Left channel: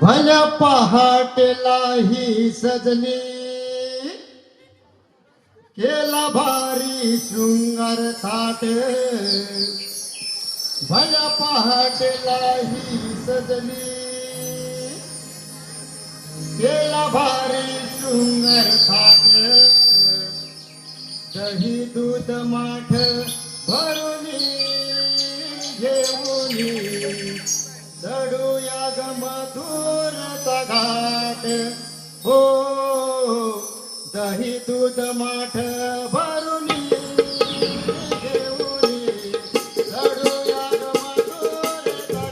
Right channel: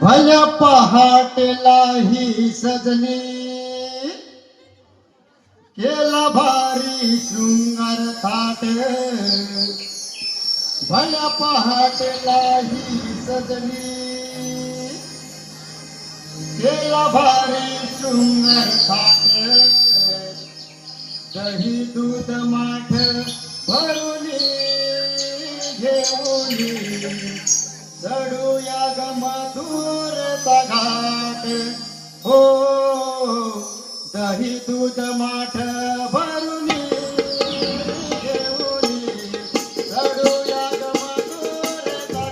भल्या पहाटेला ही सजनी केला भारी शृंगार थाट. भल्या पहाटेला ही सजनी केला भारी शृंगार थाट. दही दूध माठ भरून घेऊन चढूया ग मधुरता घाट. हो दही दूध माठ भरून घेऊन चढूया ग मधुरता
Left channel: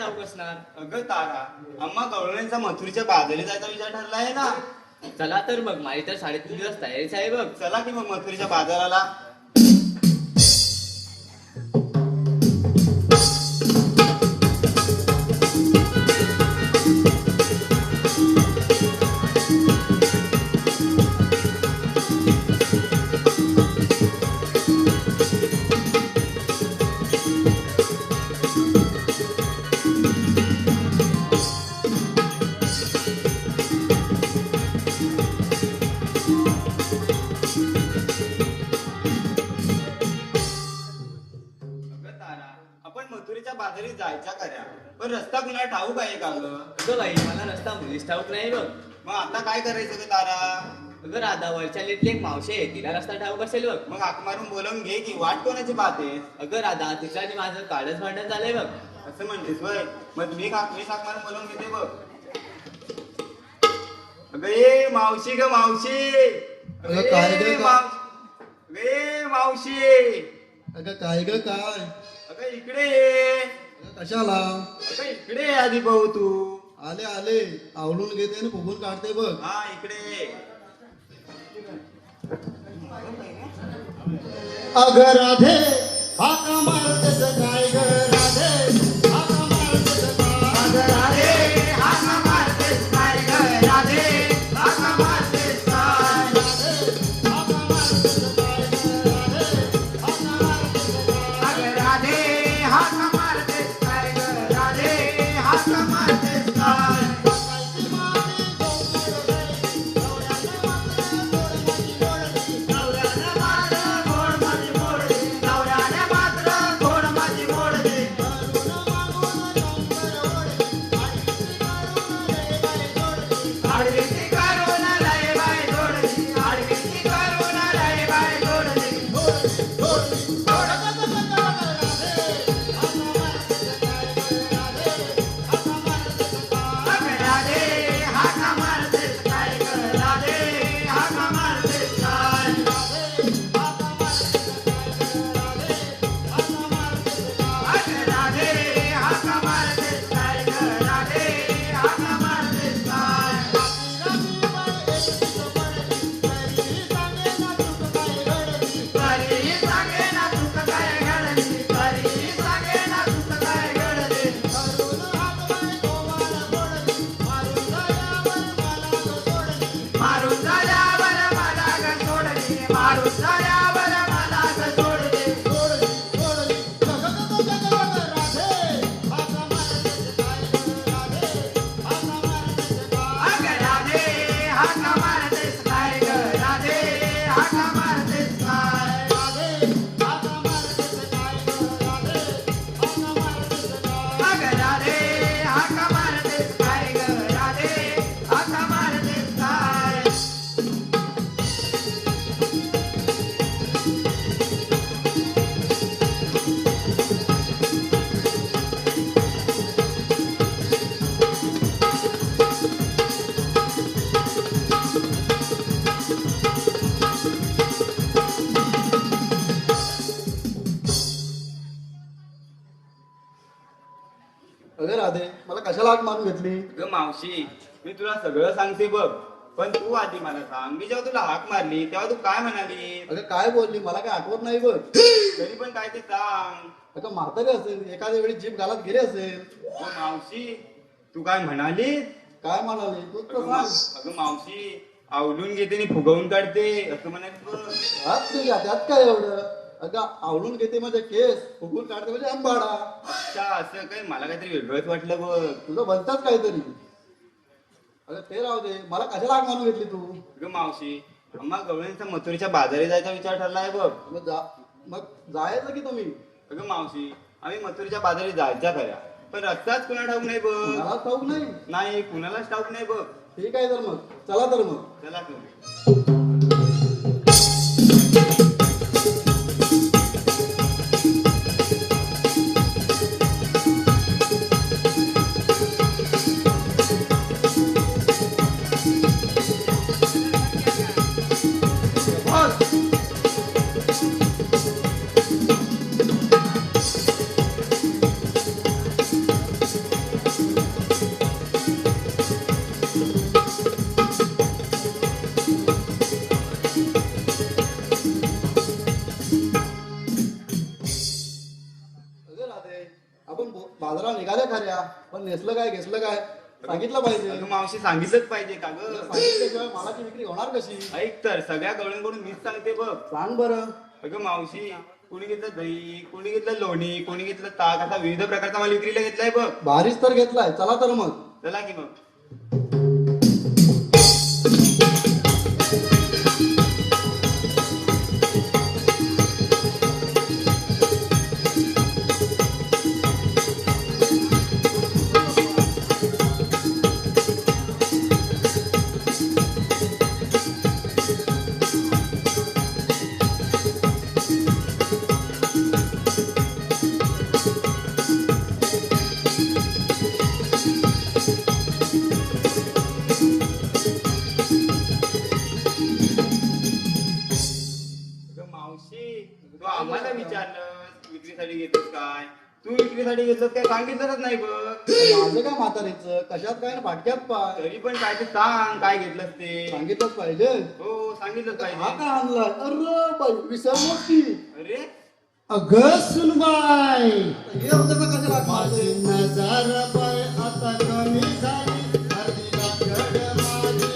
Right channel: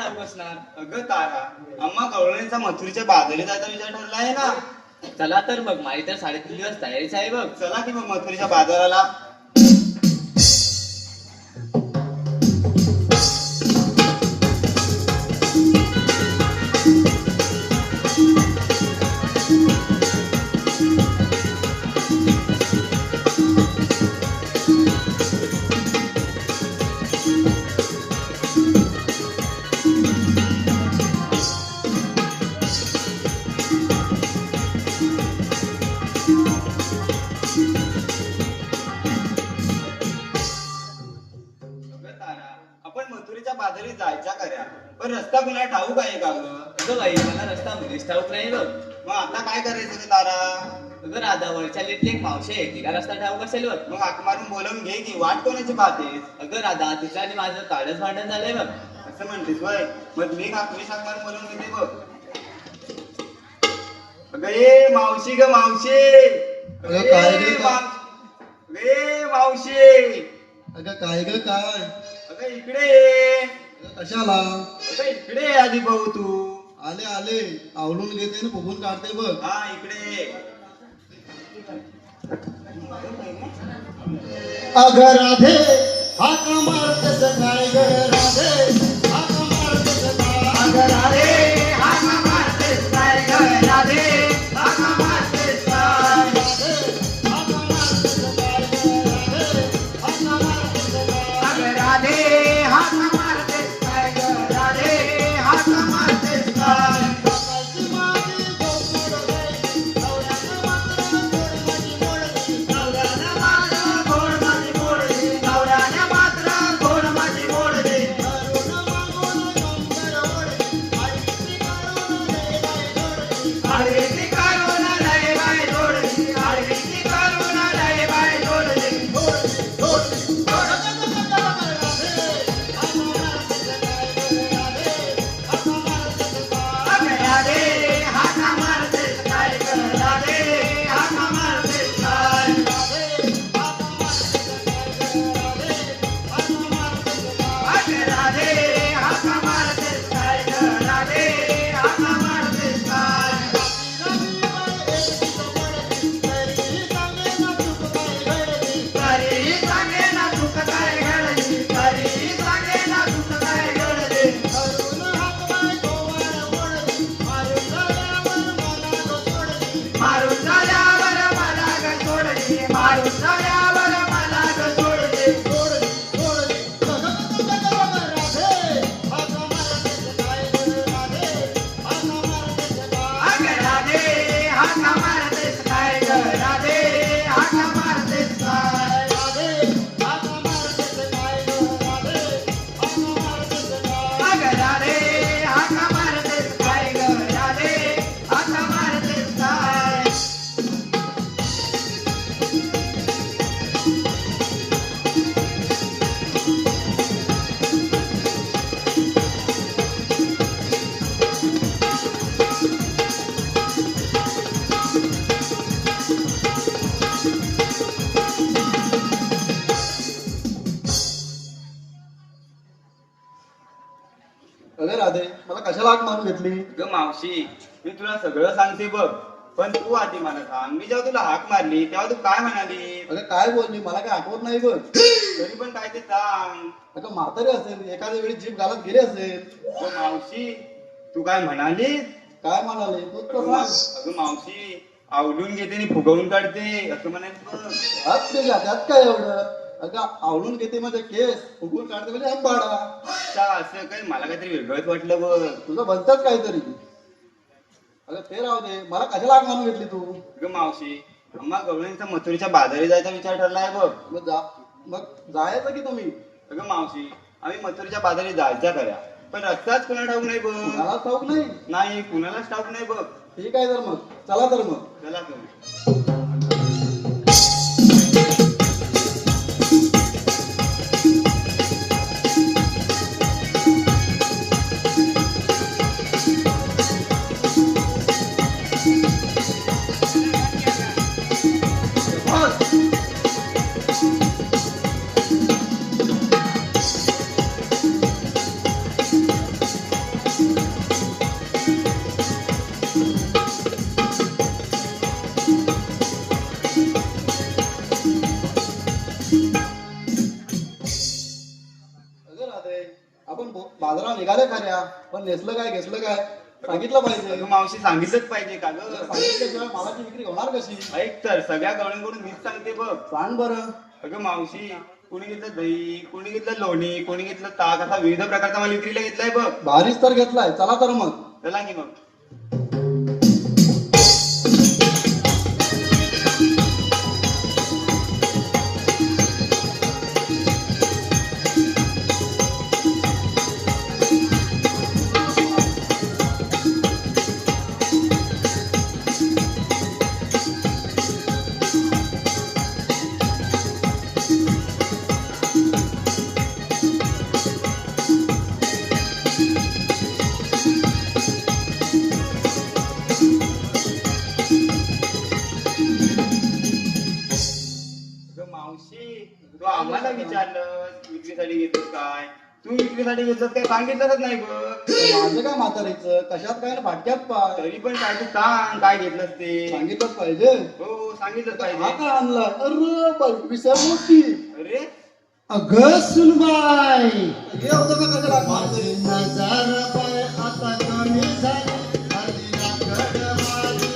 ठाऊक असणार. अगं तारा, अम्मा गवळणीचा मथुरीच्या बाजारी जायचा विचार ठरला आहे ना. चला तर मग, माझी तर 3.5 दिवस तयारीच आहे बघ. चला की मग मथुरीच्या बाजाराला. अगं तारा, आपण मथुरीच्या बाजारी जायच्या खऱ्या, पण रस्ता कुणा ठाऊक आहे का गं? अगं बाई, मला रस्ता मुलीच ठाऊक नाही बघ. मग आता काय करायचं गं तारा? अगं राधा, वरच्या लिटली एक मावशी आहे, तिला रस्ता ठाऊक असेल बघ. मग हाक मारून बोलवून घे की, वाट कोणाची पाहतेस? अगं राधा, तिचं आणि माझं काळच भांडण झालंय बघ. असं म्हणतेस वय, मग मी हाक मारून बोलवून घेते बघ. अगं ये मावशी ग मावशी. अगं काय रे का? मावशी. अगं काय ग काय? अगं इकडे ये. अगं कशाला? अगं इकडे ये आधी भाऊ तू. आले आले, आवडून घेते ना फुगून काढते बघ. हा इकडे ये. अगं राधे हाक मारतेस काय ग राधे, हाक मारतेस काय? अगं राधे हाक मारतेस काय ग राधे, हाक मारतेस काय? हाक मारतेस काय ग राधे, हाक मारतेस काय? अगं राधे हाक मारतेस काय ग राधे, हाक मारतेस काय? सकाळची मागे नवऱ्यानं मात्र गोड माझी गोडली, नवऱ्यानं मात्र गोड माझी गोडली. आडवीची करून लय बाय जोडली, आडवीची करून लय बाय जोडली. अगं राधे हाक मारतेस काय ग राधे, हाक मारतेस काय? अगं राधे हाक मारतेस काय ग राधे, हाक मारतेस काय? तरीही सांगेना चूक काय घडली, तरीही सांगेना चूक काय घडली. मारून झाल्यावर मला ग सोडली, मारून झाल्यावर मला ग सोडली. अगं राधे हाक मारतेस काय ग राधे, हाक मारतेस काय? अगं राधे हाक मारतेस काय ग राधे, हाक मारतेस काय? अगं राधे, मला कशाला हाक मारून घेतली? अगं मावशी, मी तुला सगळं सांगते बघ, पण तू आधी मला सांग, मी जेव्हा तुला हाक मारली तेव्हा तू काय म्हणाली? अगं काय बोलली मला काय आठवत नाही बघ. तरी पण काय ते सांग. अगं म्हातारी असेल, एखाद्या वेळी जीभ घालत गेले असेल. अगं मावशी, तू काय म्हणाली? काय म्हणाले तू तर सांग. अगं मावशी, आवडून घेते आणि फुगवून काढते असं म्हणाली बघ. हात तुझ्या त्यात काय एवढं? अगं आवडून घेते माझे केस, फुगून काढते म्हणजे आंबाडा. अच्छा, असं काय मला काहीतरी वेगळंच वाटलं बघ. तुझं बनतच काहीतरी. अगं ते राहू दे, मला कशाला हाक मारून घेतली तू? अगं मावशी, अम्मा गवळणीचा मथुरीच्या बाजारी जायचा विचार ठरला आहे बघ. मग जायचं की तुम्ही? अगं मावशी, आम्ही मथुरीच्या बाजारी जायच्या खऱ्या, पण रस्ताच कुणा ठाऊक नाही बघ. मला ठाऊक नाही. नाही, कुणालाच ठाऊक नाही बघ. ठीक आहे तर मग चला तर मग. चला तुम्ही. नेसलं काय घेतलं काय सांगितलं पाहिजे. अगं मावशी सांगितलंच पाहिजे का ग? सांगितल्याशिवाय मालाची विक्री होणार कशी? ऐक तर सगळ्या गवळ्यांकडून मीच सांगते बघ. सांग बरं. अगं मावशी, कोणी घेतलं दही, कोणी घेतलं लोणी, कोणी घेतलं ताक, असा विविध प्रकारचा माल विक्रीला घेतलाय बघ. भारीच तर घेतलाय. चला तर मग. चला की मग. अगं मावशी, तू आम्हाला विचारलं विक्रीसाठी घेतोस काय? तू विक्रीसाठी घेतोस काय सांगितलंच नाही बघ. माझं काय म्हातारीचं कशात काय फाटक्यात पाय. तरी पण काय ते सांग, काय घेतलंस ते. सांगितलंच पाहिजे. हो सांगितलंच हा पाहिजे. काय आणला? अरे बाई, विसरलोच की. अरे अगं सुनबाई हे होतं का कसं लागणार? नजर पाय आता कमी झाली आधी लाकड माझी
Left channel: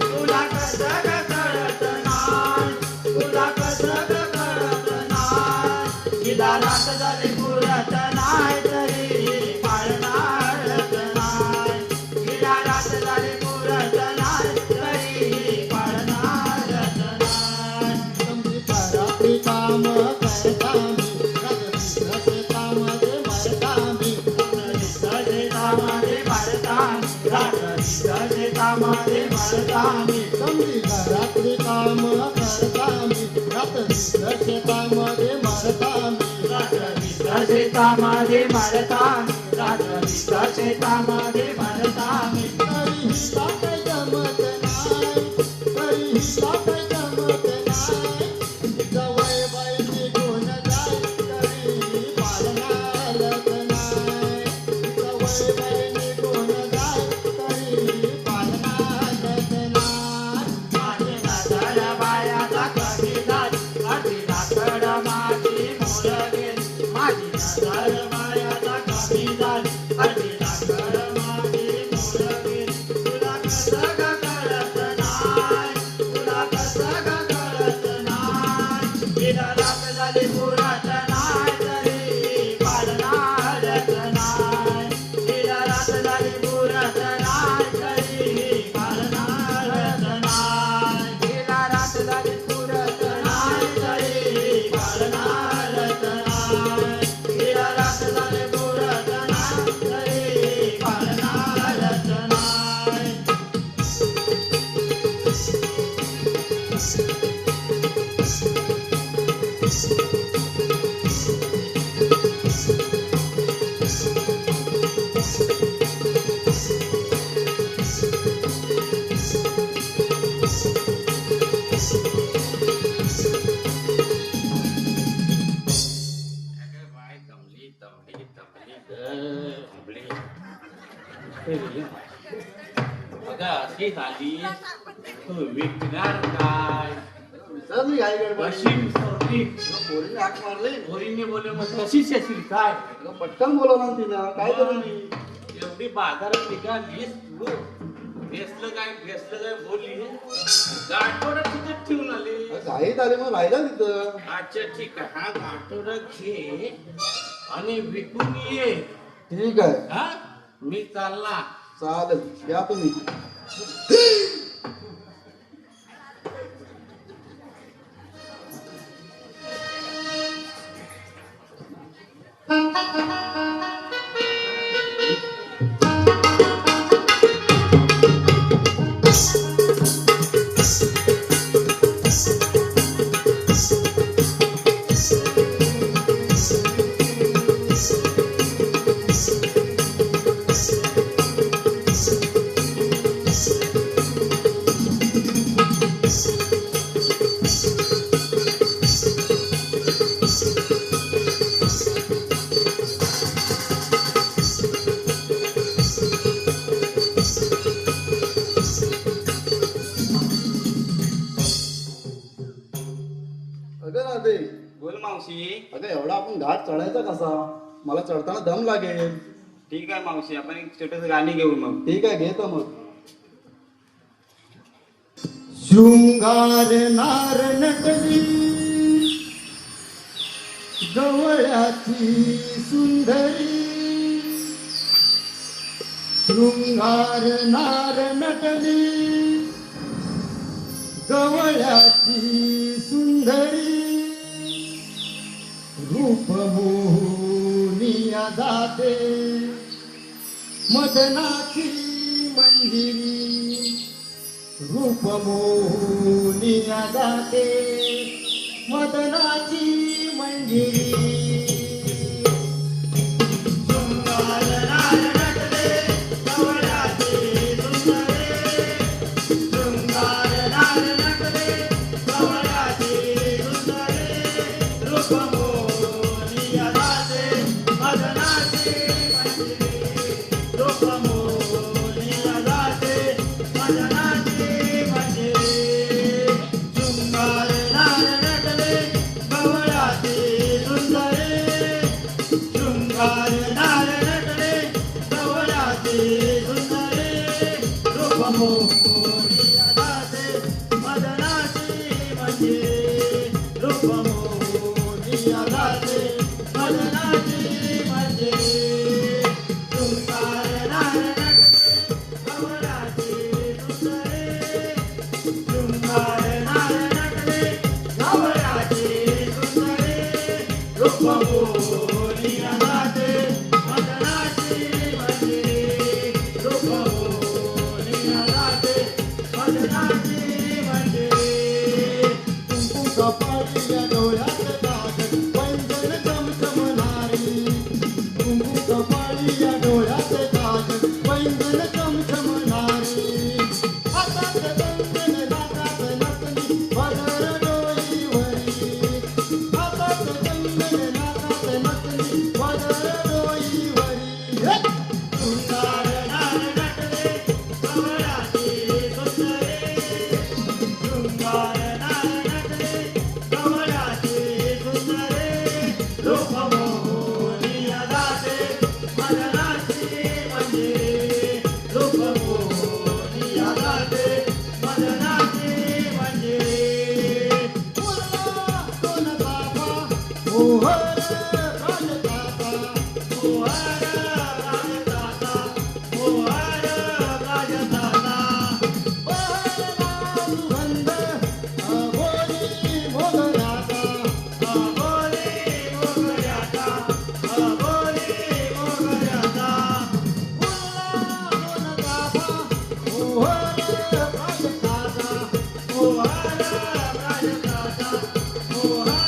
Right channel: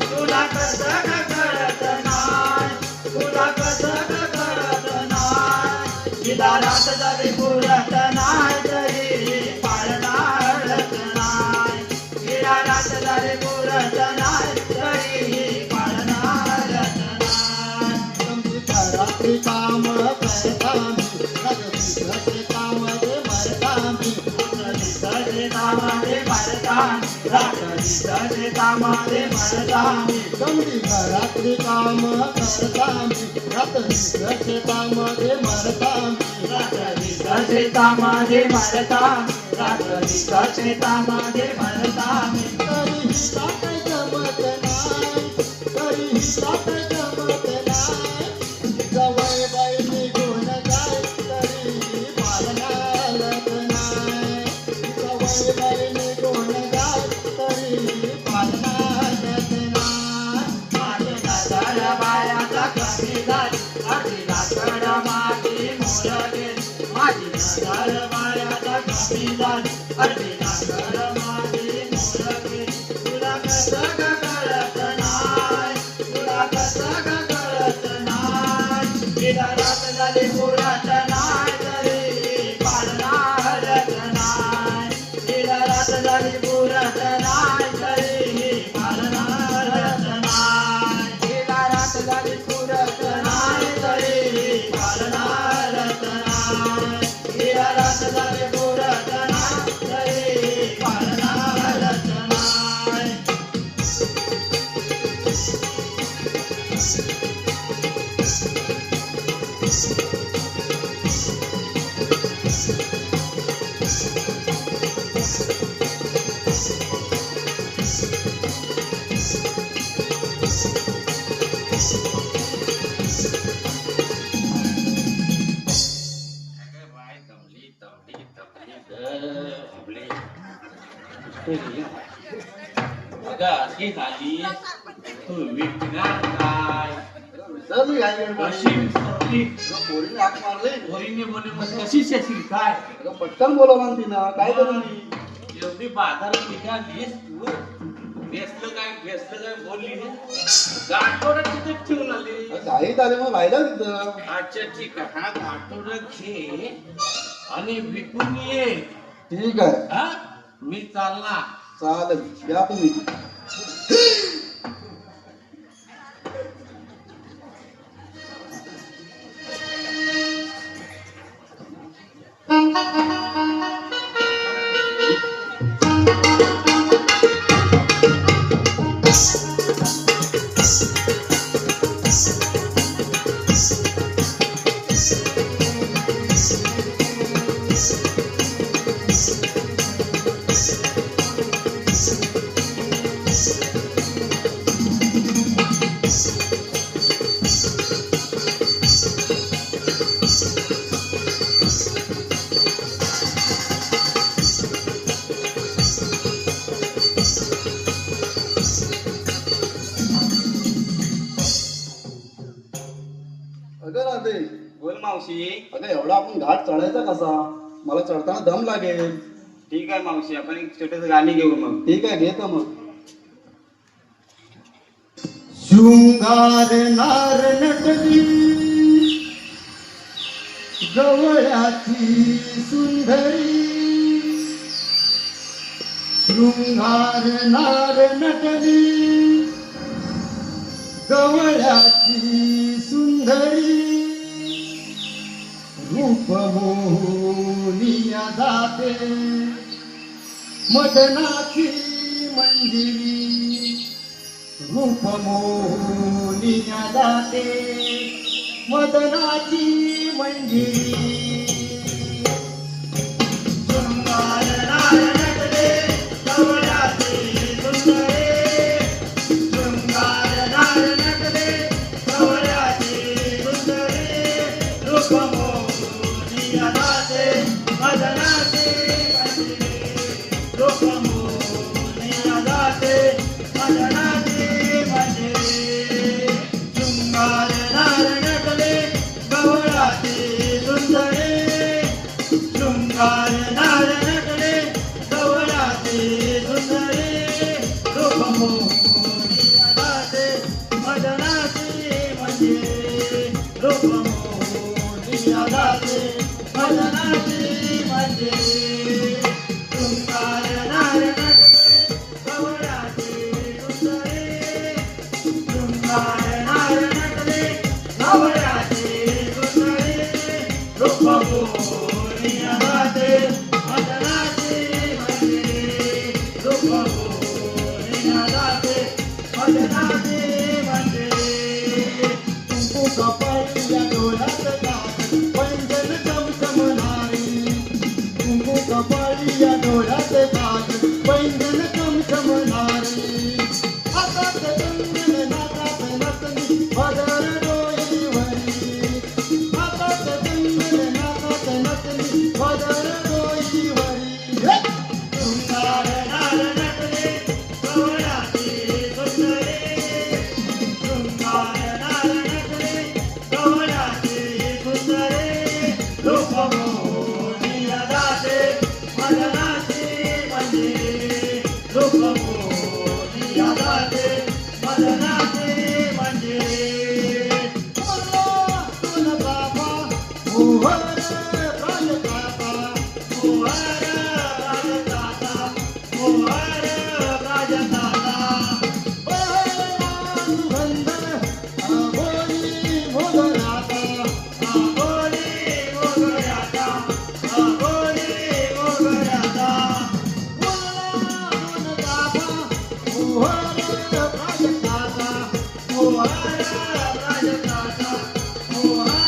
तुला कसा ते कळत नाही, तुला कसा ते कळत नाही, तिला रात झाली पुरत रात्री काम शेतामध्ये जवळ बाई निघून जाय तरी पालनालत नाही, जवळ बाई निघून जाय तरी पालनालत नाही. गाडी आली विकणार काय चल काय गं कशी विसरली? पोरीने हाक मारले पोरीने बोलले मग कशीच येशील काय अगं पटकन बोला ना तिनं काय करू मी एवढी बाजारात निघालीस तू भेसलं काय बोलली गाठोडं तिथे ठेवून आली घाईत आले मग राहिला तिथं अच्छा ठीक आहे हा गाठोडं घे आणि विकून ये ठीक आहे हा मी चालला चालेल या तुम्ही अगं राधे बोल मावशी. अगं एवढा आपण घाट चढायचा कसा मला चढताना दम लागेल ठीक आहे मावशी, आपण एक छोटस गाणी घेऊ मग. ठीक आहे घेतो मग शृंगार नार नटली गवळ्याची सुंदरी शृंगार नार नटली गवळ्याची सुंदरी रूप मोहनिया जाते मदनाची मंजिरी रूप मोहनिया जाते मदनाची मंजिरी शृंगार नार नटले गवळ्याची सुंदरी शृंगार नार नटले गवळ्याची सुंदरी रूप मोहनिया जाते मदनाची मंजिरी रूप मोहनिया जाते मदनाची मंजिरी शृंगार नार नटले गवळ्याची सुंदरी शृंगार नार नटले गवळ्याची सुंदरी रूप मोहनिया जाते मदनाची मंजिरी रूप मोहनिया जाते मदनाची मंजिरी शृंगार नार नटले गवळ्याची सुंदरी शृंगार नार नटले गवळ्याची सुंदरी रूप मोहनिया जाते मदनाची मंजिरी रूप मोहनिया जाते मदनाची मंजिरी कुंकू कपाळीया डोळ्यात काजळ वंदन चमचमणारी कुंकू कपाळीया डोळ्यात काजळ वंदन चमचमणारी हातात कंगन नाकात नथनी पदर डोईवरी हातात कंगन नाकात नथनी पदर डोईवरी शृंगार नार नटले गवळ्याची सुंदरी शृंगार नार नटले गवळ्याची सुंदरी रूप मोहनिया जाते मदनाची मंजिरी रूप मोहनिया जाते मदनाची मंजिरी मोहन राजदाता मोहन राजदाता मोहन राजदाता बंद आगोनी मोगऱ्याचा आगोनी मोगऱ्याचा आगोनी मोगऱ्याचा मोहन राजदाता मोहन राजदाता मोहन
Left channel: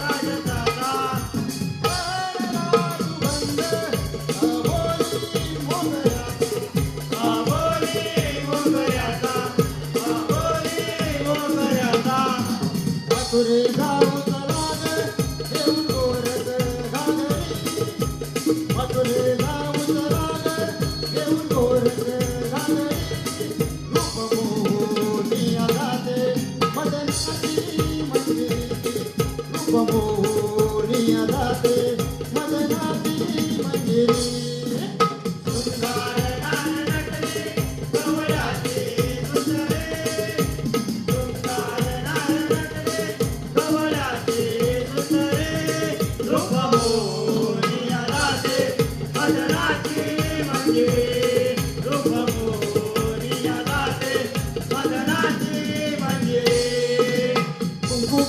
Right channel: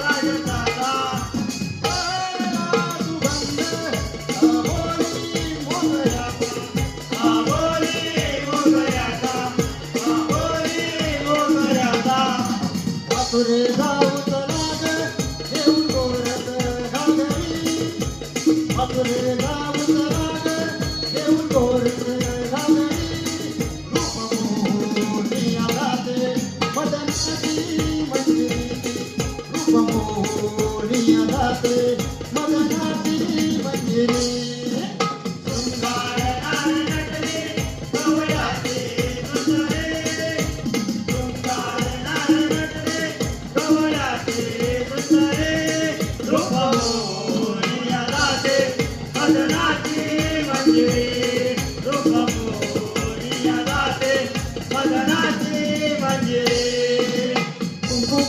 राजदाता तुरे जाऊ तलाग देऊ कोरत घागरी तुरे जाऊ तलाग देऊ कोरत घागरी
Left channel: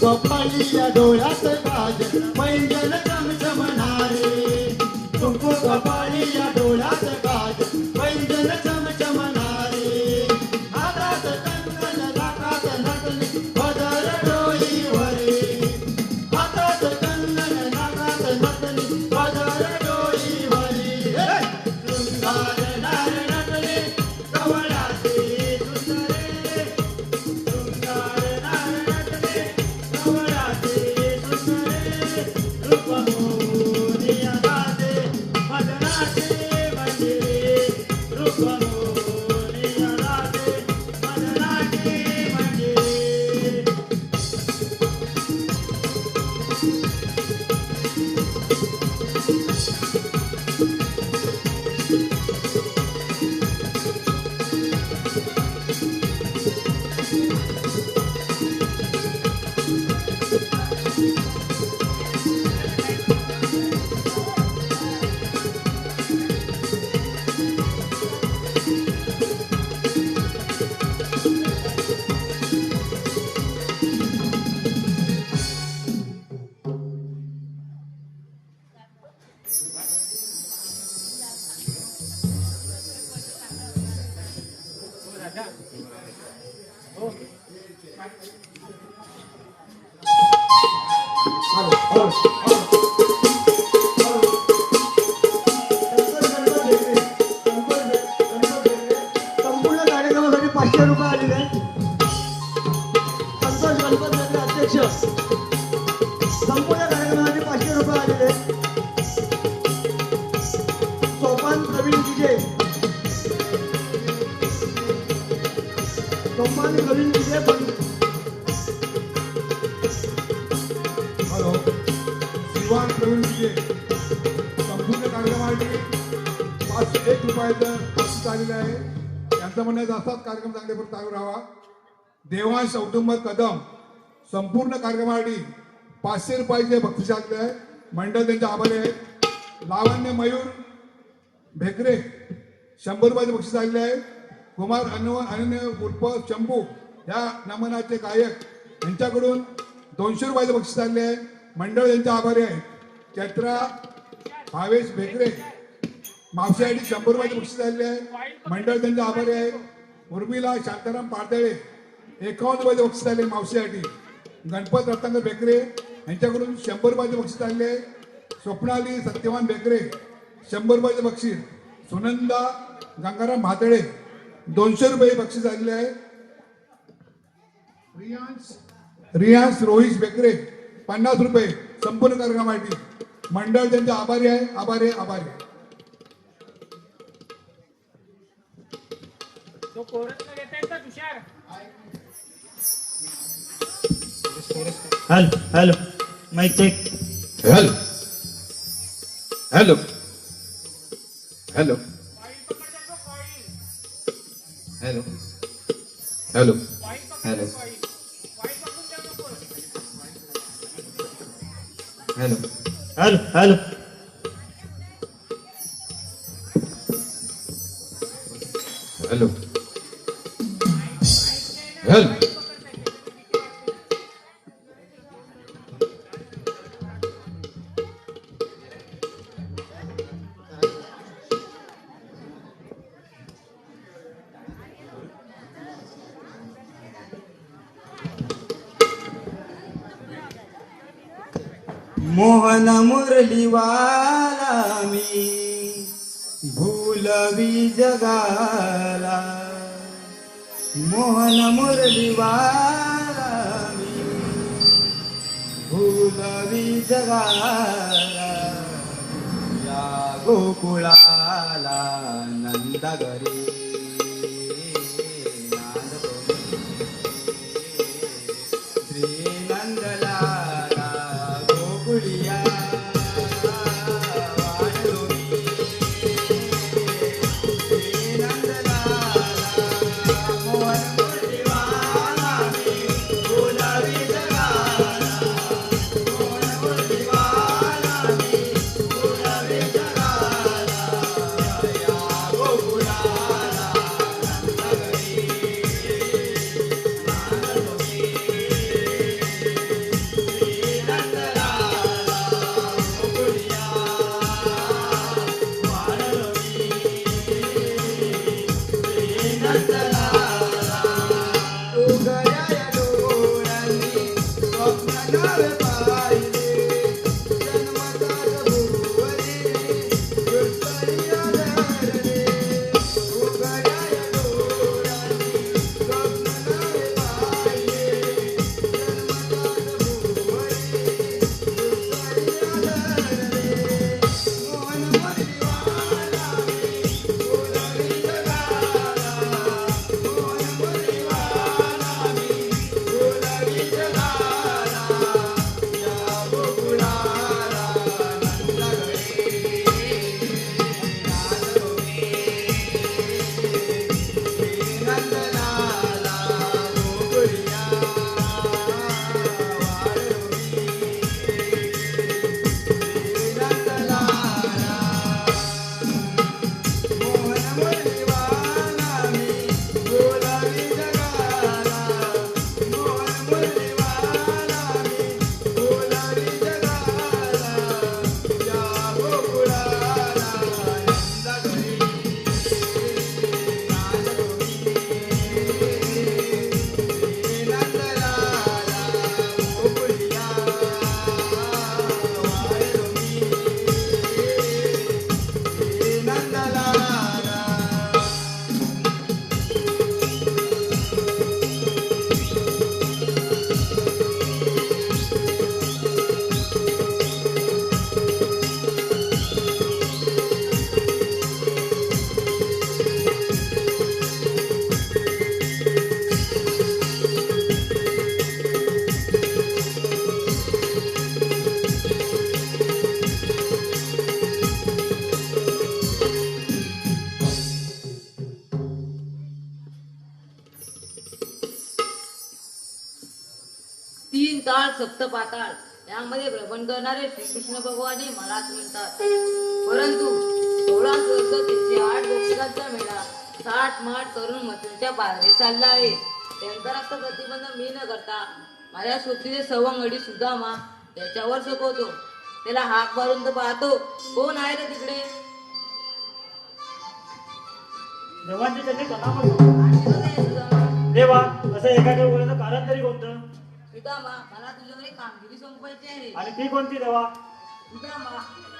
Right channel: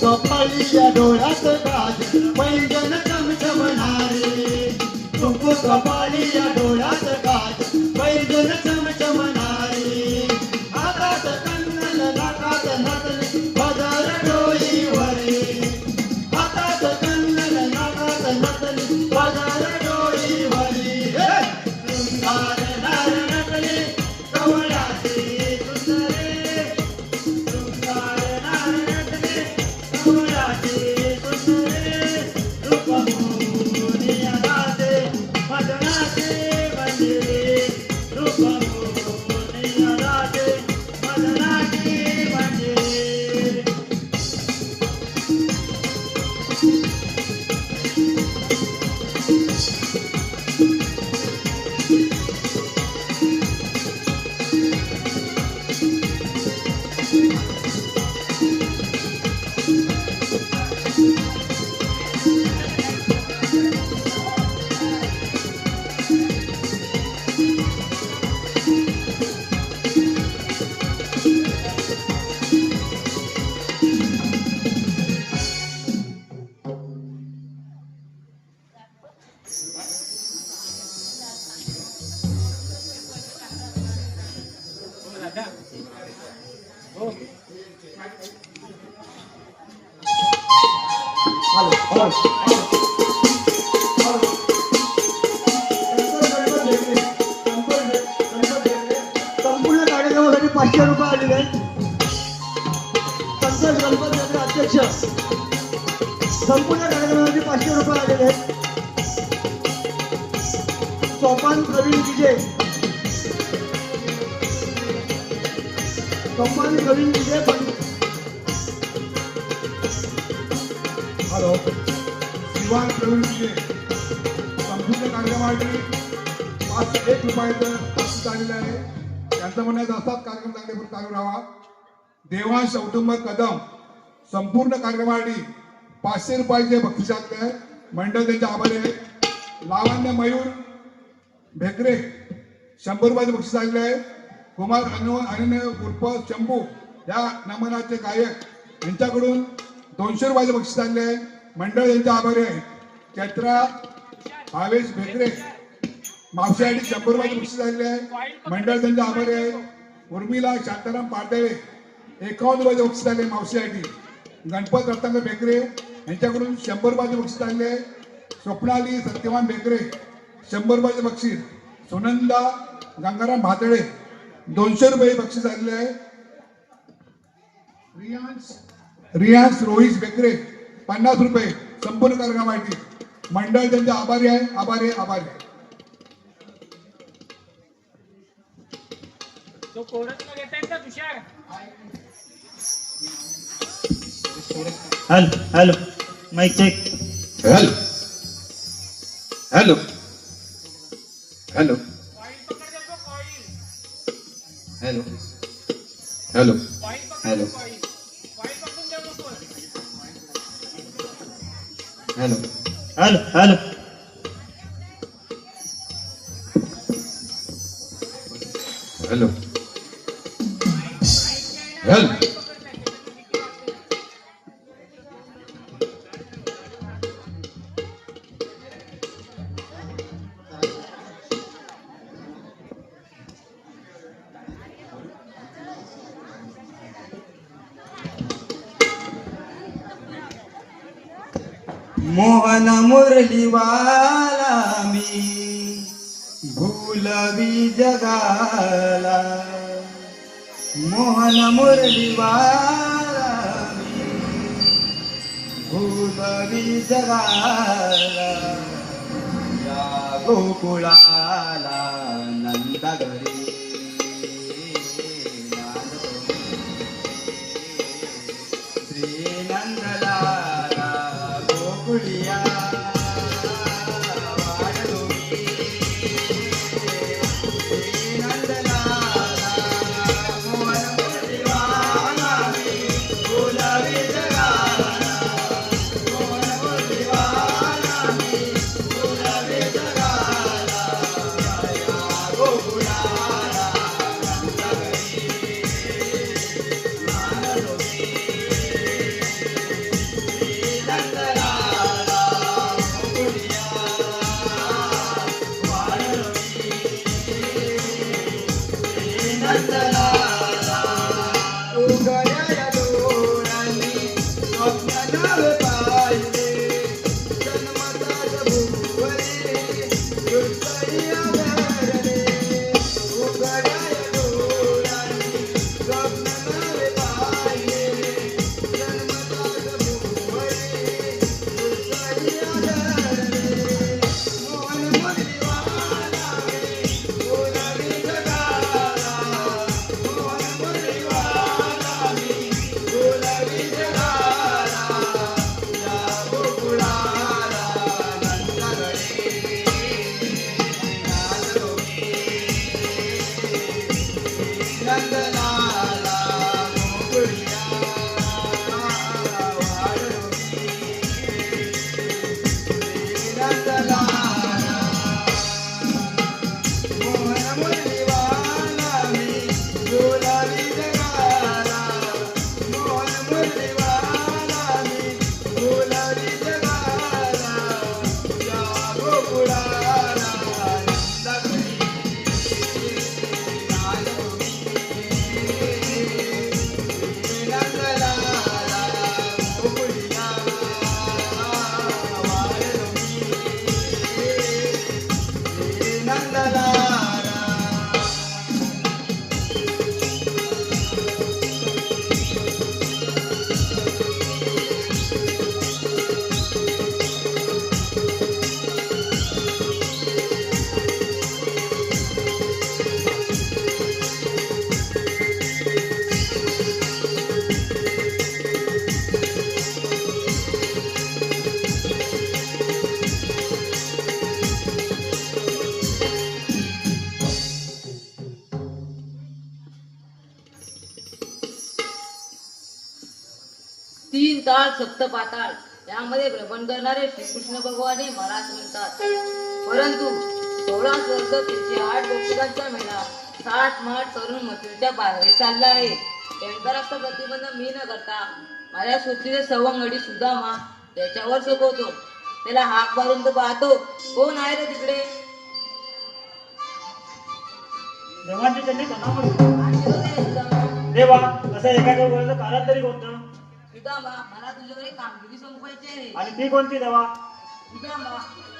कपाळीच्या डोळ्यात काज पैंजण चमचमणारे तुमको कपाळीच्या डोळ्यात काज पैंजण चमचमणारे हातात कंगन नाकात नटले बाजार डोईवरे हातात कंगन नाकात नटले बाजार डोईवरे शृंगार नार नटले कवळाचे सुंदरे शृंगार नार नटले संपूर्ण कार्यक्रमासाठी 500 रुपये आलेले संतोष गणपत नगर अध्यक्ष संपूर्ण कार्यक्रमासाठी 500 रुपये आलेले सोपान प्रवीण विजय सोपान प्रवीण विजय हॅलो श्रीवान प्रवीण विजय संपूर्ण कार्यक्रमासाठी 501 रुपयाचं बक्षीस आलेलं आहे. त्यांचं म्हणण्याचा असाच कार्यक्रम चांगले चालू राहावा. देवांश औटुंब कदम संपूर्ण कार्यक्रमासाठी 500 रुपयाचे बक्षीस आलेले आहे. मंडळ त्यांचे आभारी आहे. लावण्य मयूर भेकरे 100 रुपयाचे बक्षीस आलेले आहे. कुमार अनन्य उर्फ शंभू या नमनाचे गायक यांच्याकडून 200 रुपयाचे बक्षीस आलेले आहे. मंडळ यांचे आभारी आहे. चैत्रा भावेश भेकरे मावशीसाठी 100 रुपयाचे बक्षीस आलेले आहे. मंडळ त्यांचे आभारी आहे. उर्मिला शांताराम पाडदळे 51 रुपयाचे बक्षीस आले मावशीसाठी. गणपत रत्नाकर भेकरे यांच्याकडून 100 रुपयाचे बक्षीस आलेले आहे. स्वप्नाली सत्यवान भेकरे 100 रुपयाचे बक्षीस. सुनंदा गंगाराम भातळे 200 रुपये बक्षीस आलेले आहे. रियांश रोहित भेकरे 50 रुपये संपूर्ण कार्यक्रमासाठी. मंडळ त्यांचे आभारी आहे. आभारी आहे. आभारी आहे. Hello hello mike check. Hello hello hello hello hello hello hello hello hello hello hello Mohan Murliwala मी भूलवी जगाला. मोहन मुरलीवाला मी भूलवी जगाला. या गोकुळाला नंद घरी श्री नावे पाहिले जन्मताच भुवरी गुरुपरी आधारले उघड्या डोळ्यांनी स्वप्न नावे पाहिले जन्मताच भुवरी गुरुपरी आधारले मोहन परिवारा बोलावी जगाला मोहन परिवारा बोलावी जगाला या गोकुळाला नंदलाला गोकुळिया मोहन परिवारा मी बोलावी जगाला मोहन परिवारा मी बोलावी जगाला या गोकुळाला नंदघरी नंदलाला गोकुळिया नंदलाला तीन ताळ सप्त पाताळ यामध्ये भ्रमण करणारे श्रीकृष्ण भगवान हे मलाच म्हणतात. परंतु 16 वर्ष त्यांचे 8 गोपिकांचा मेळा 60 माठ करून मथुरेच्या बाहेर चालला आहे. त्यांचा प्रतिबंध मी न करता माझ्या सोबतीचे सवंगडी सुदामा त्याच्यावर सोपवतो. त्याला हाक मारून तो पाहतो, कोण आहे रे तिकडे? देवांची त्यांनी कथा करू आणि तो ते सुदामा, देवा तसं एखाद्या गोळ्याचं कारण तरी कोणतं सुदामा मला तुझ्याकडे कामगिरी संपवायची आहे. आणि ती कोणती देवा सुदामा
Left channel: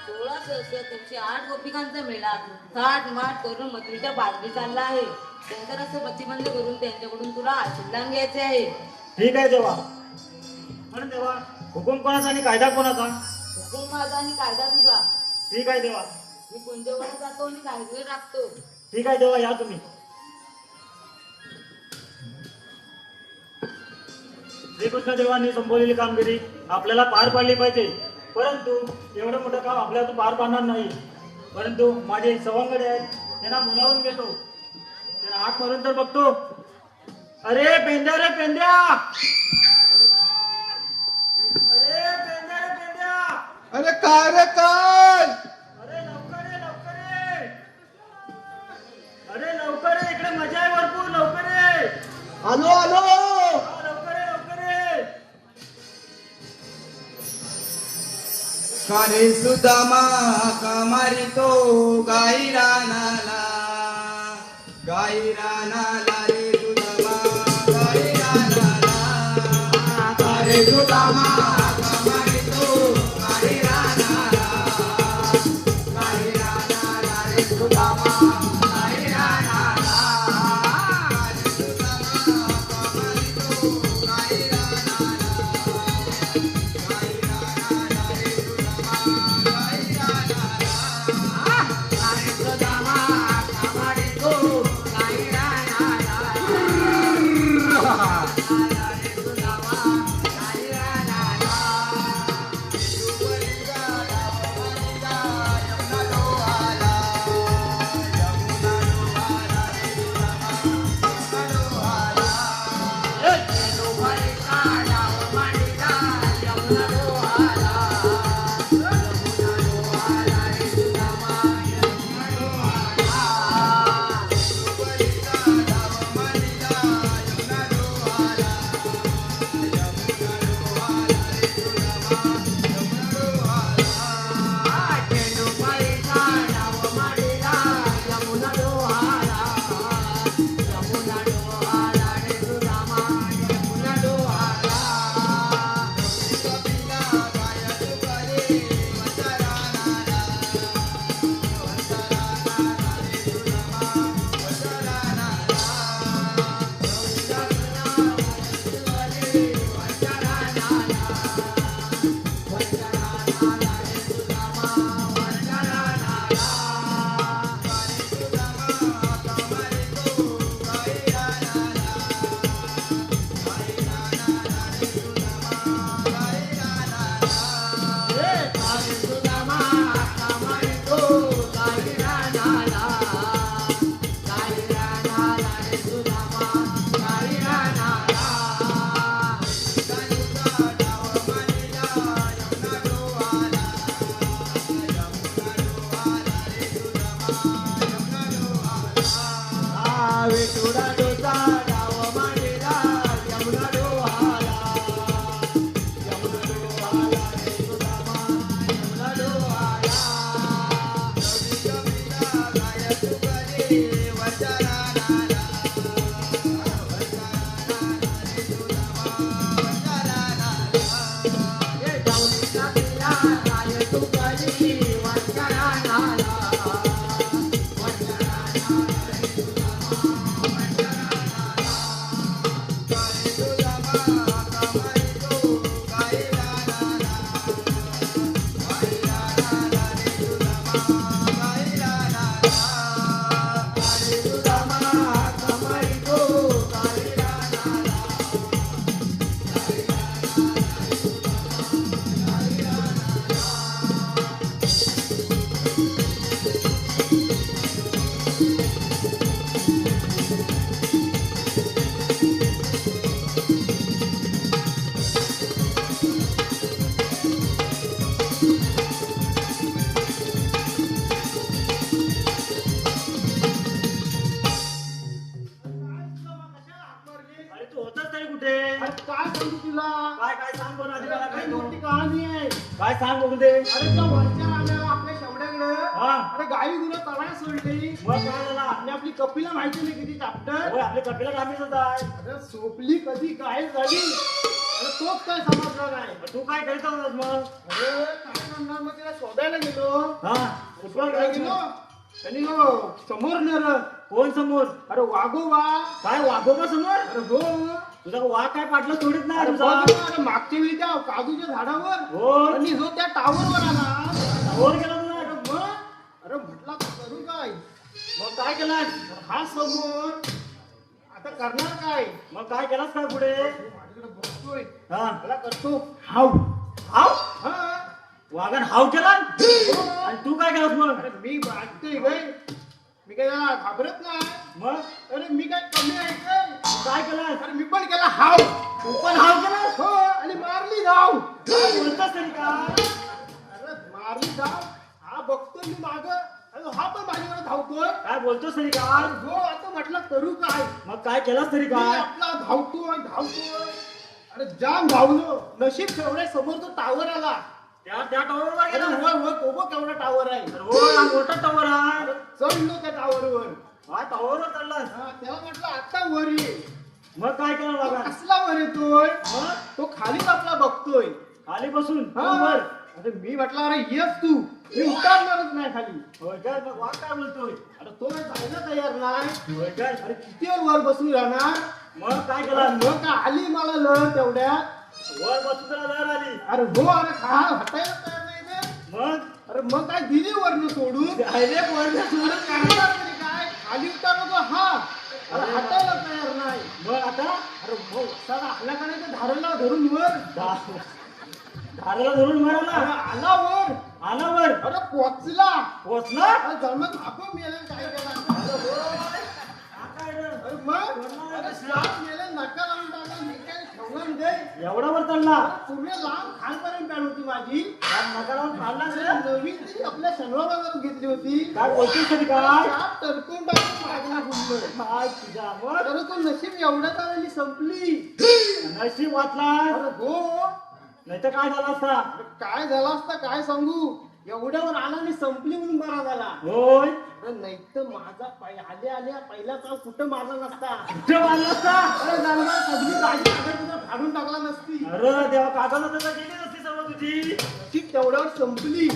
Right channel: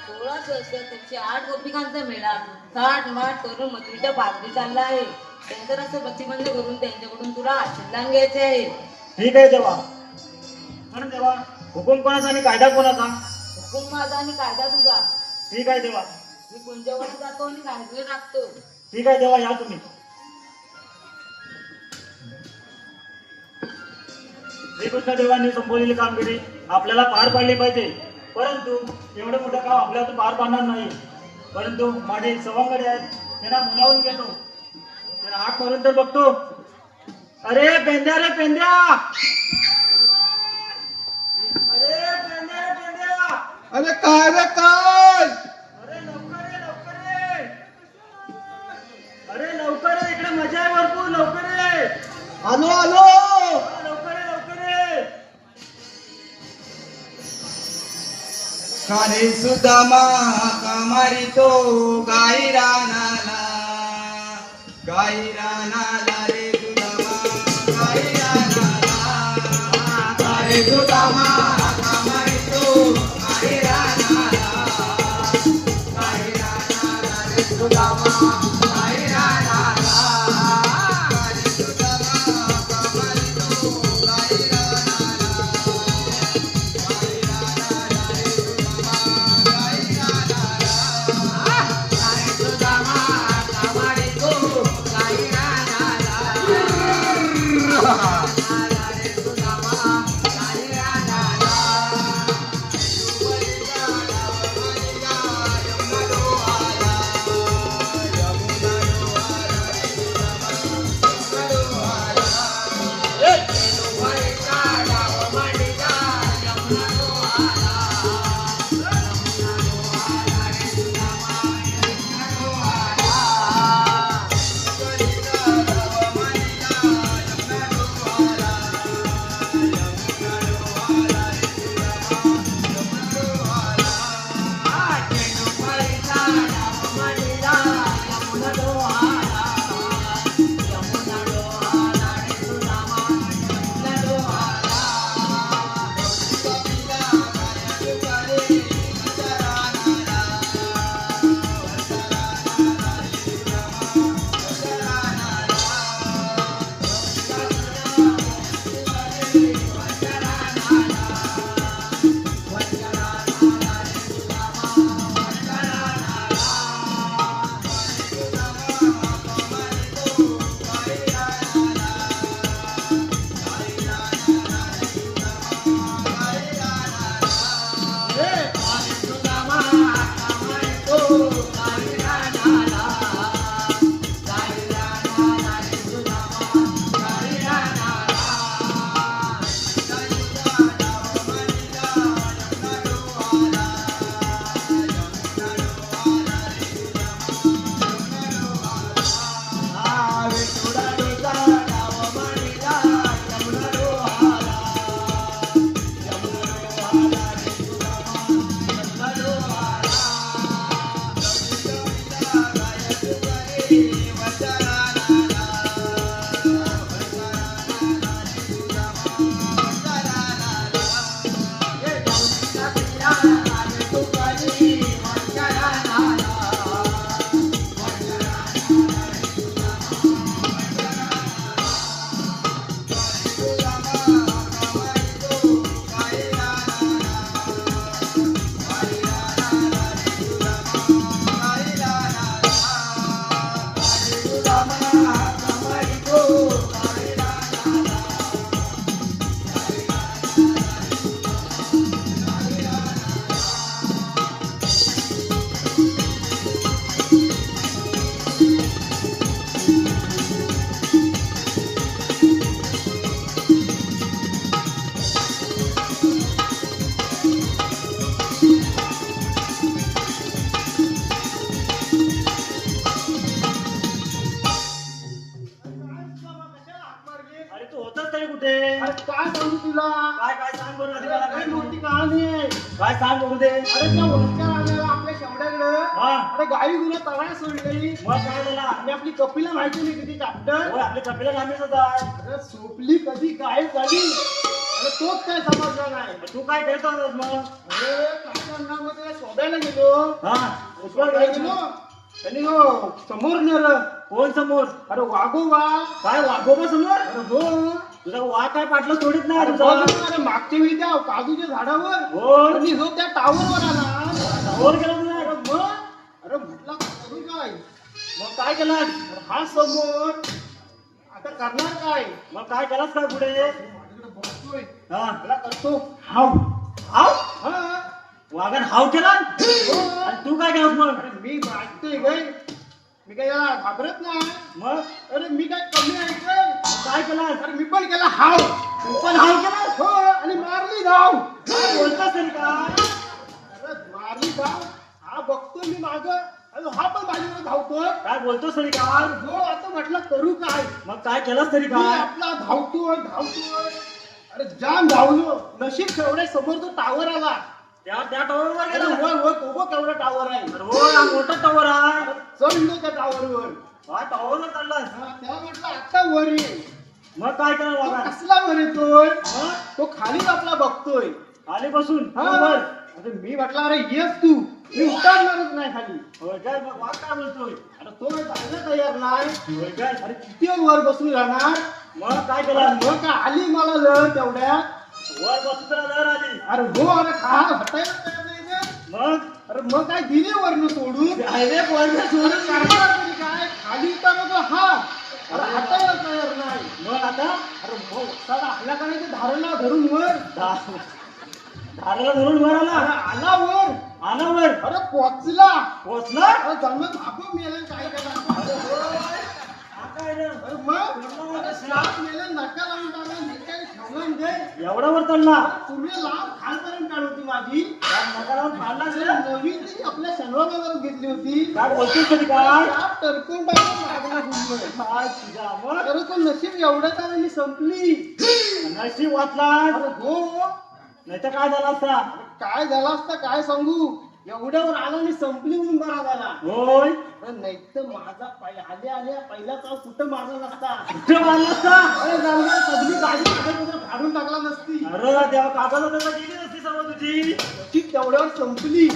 16 सहस्र 308 गोपिकांचा मेळा 60 माठ करून मथुरेच्या बाजरी चालला आहे. त्यांचं असं प्रतिबंध करून त्यांच्याकडून तुला आशीर्वाद घ्यायचे आहे. ठीक आहे देवा. पण देवा हुकुम कोणाचा आणि कायदा कोणाचा? हुकूम माझा आणि कायदा तुझा. ठीक आहे देवा. मी कोणत्यावर जातो आणि कायदे राखतो. ठीक आहे देवा, या तुम्ही. श्रीकृष्ण देवांनी संपवलेली कामगिरी आपल्याला पार पाडली पाहिजे. परंतु एवढं मोठं काम आपल्या हातून पार पाडणार नाही. परंतु माझे सवंगडे आहेत, त्यांना बोलावून घेतो. त्यांना हाक मारून तर बघतो. अरे पेंद्या रे पेंद्या, अरे पेंद्या रे पेंद्या, अरे काय रे काय अरे लवकर ये लवकर ये, अरे लवकर ये, इकडे मजा आहे भरपूर, लवकर ये. आलो आलो हा, लवकर ये लवकर ये. कारे सुदामा कामारी तो गाई रानाला रे सुदामा गाई रानाला कारे सुदामा कामारी तो गाई रानाला रे सुदामा गाई रानाला कारे सुदामा कामारी तो गाई अरे तू होताच तरी कुठे काय सांगू तुला काय काय सांग बरं आधी मला काय काय मोठी कहाणी आहे काय सांग बघू दे अरे त्या वरच्या आलेला आपल्या शेवड्याकडे हा अरे गाई तुला तळ्या सोडली मग काय झाला आणि आपली कपिला माहिती नाही किती चाप्टर होय, आपले कपिला कामीच होता अरे सोपली कधी गायब झाली अरे तोच काय समजला नाही तू काय करत होतास मग अरे काय करणार मग त्याला शोधायला गेलो हा उठवायला गेलो त्यांनी हो समोर नर कोण समोर अरे वाघोबा काय वाघोबा समोर अरे हो तुझा वाघ काय पाटलं सोडित नाही अरे तुझा बघ ना, मागच्या वेळी त्या काजूच्या झाडावर हो त्यांनी जो त्या टावर आला वर गेला तुझा अरे मग अरे म्हटलं आता करू काय मग काय केलास हा समोर आता करणार काय मग काय केलास काय पुढे माझ्याकडे बघतोय हा मला करतो हाव हाव हा वाघान हाव केला आणि तू काय केलास मग अरे मी ऐकतोय काय मी काय याला घाबरत नाही मग अरे मी काय कमी ऐकतोय काय केलास अरे मी पण केला हाव तू पण हाव केलास हो आणि मारली धाव काय बोलतोस तरी काय अरे मारली धाव हा बघतो मी माग अरे हा पण माझ्याकडे धावतोय काय बोलतोस तरी काय हो आता म्हटलं करू काय मग काय केलास तरी मी काय आपला धावतोय अरे जाम धावलो नशीब केवढ्या समोर तो टावर आला त्या टावरवर अरे गेला वर वर तो बघ केवढा टावर आहे अरे हो हा मोठा टावर आहे चढलो त्या टावरवर हा टावरवर चढलास त्याला म्हटलं आता वर ये मग काय केलं तो बाबा कसला वर येतोय मग तो खालीच आपला बघतोय आली बसून हा. बरोबर अरे मी म्हटलं अरे येस तू मी उतरणारच नाही खाली होय काय मग वाघ काय बोलतोय आता तो जायला तयार नाही होय काय अरे किती वर बसून राहणार मग काय केलं मग काय आली मला लहर तेवढ्यात वर बसून तुला लहर आली अरे हो अरे काय हटायला तयार नाही ते. मग अरे मग काय दिली वरनं सोडून हायवे पॉइंट सोडून करणार तरी काय खाली उतरलो हा अरे हटायला तयार नाही मग आता अरे हो साला आला का नाही ते धारणा धरून वर धाराला धरून वर आला अरे आला वर आला वर अरे पोचला पोचला अरे जमीन आपण मेला काय केला आता येणं. अरे मग अरे श्वास मेला नका लावून टाकला निकाल ठेवला म्हणजे एवढा वर चढला तुम्ही लांब खालपर्यंत काढ होती माझी नकारावर फाडला अरे असेल. नवीन ती आपल्या शनिवारावर घेतली होती काय बोलतोस तरी काय त्या टरकून टाकून लागला गुंड. काय तुझा मग अरे तो नशीब एवढ्या काळाने संपली नशीब वाचला अरे हो नाही तर काय झालं असता काय झालं असता काय सांगू एवढ्यावर आला आणि संपली म्हणून बरा झाला होय अरे नाही तर माझा आल्या आल्या पहिला चाल कुठं मारला नसता कुठे मारला असता अरे जाऊया सगळी गाडी कागद फाडून टाकला नसती अरे देवा कागद तर गेली नसती सर्व तुझी ती तेवढ्यावर संपली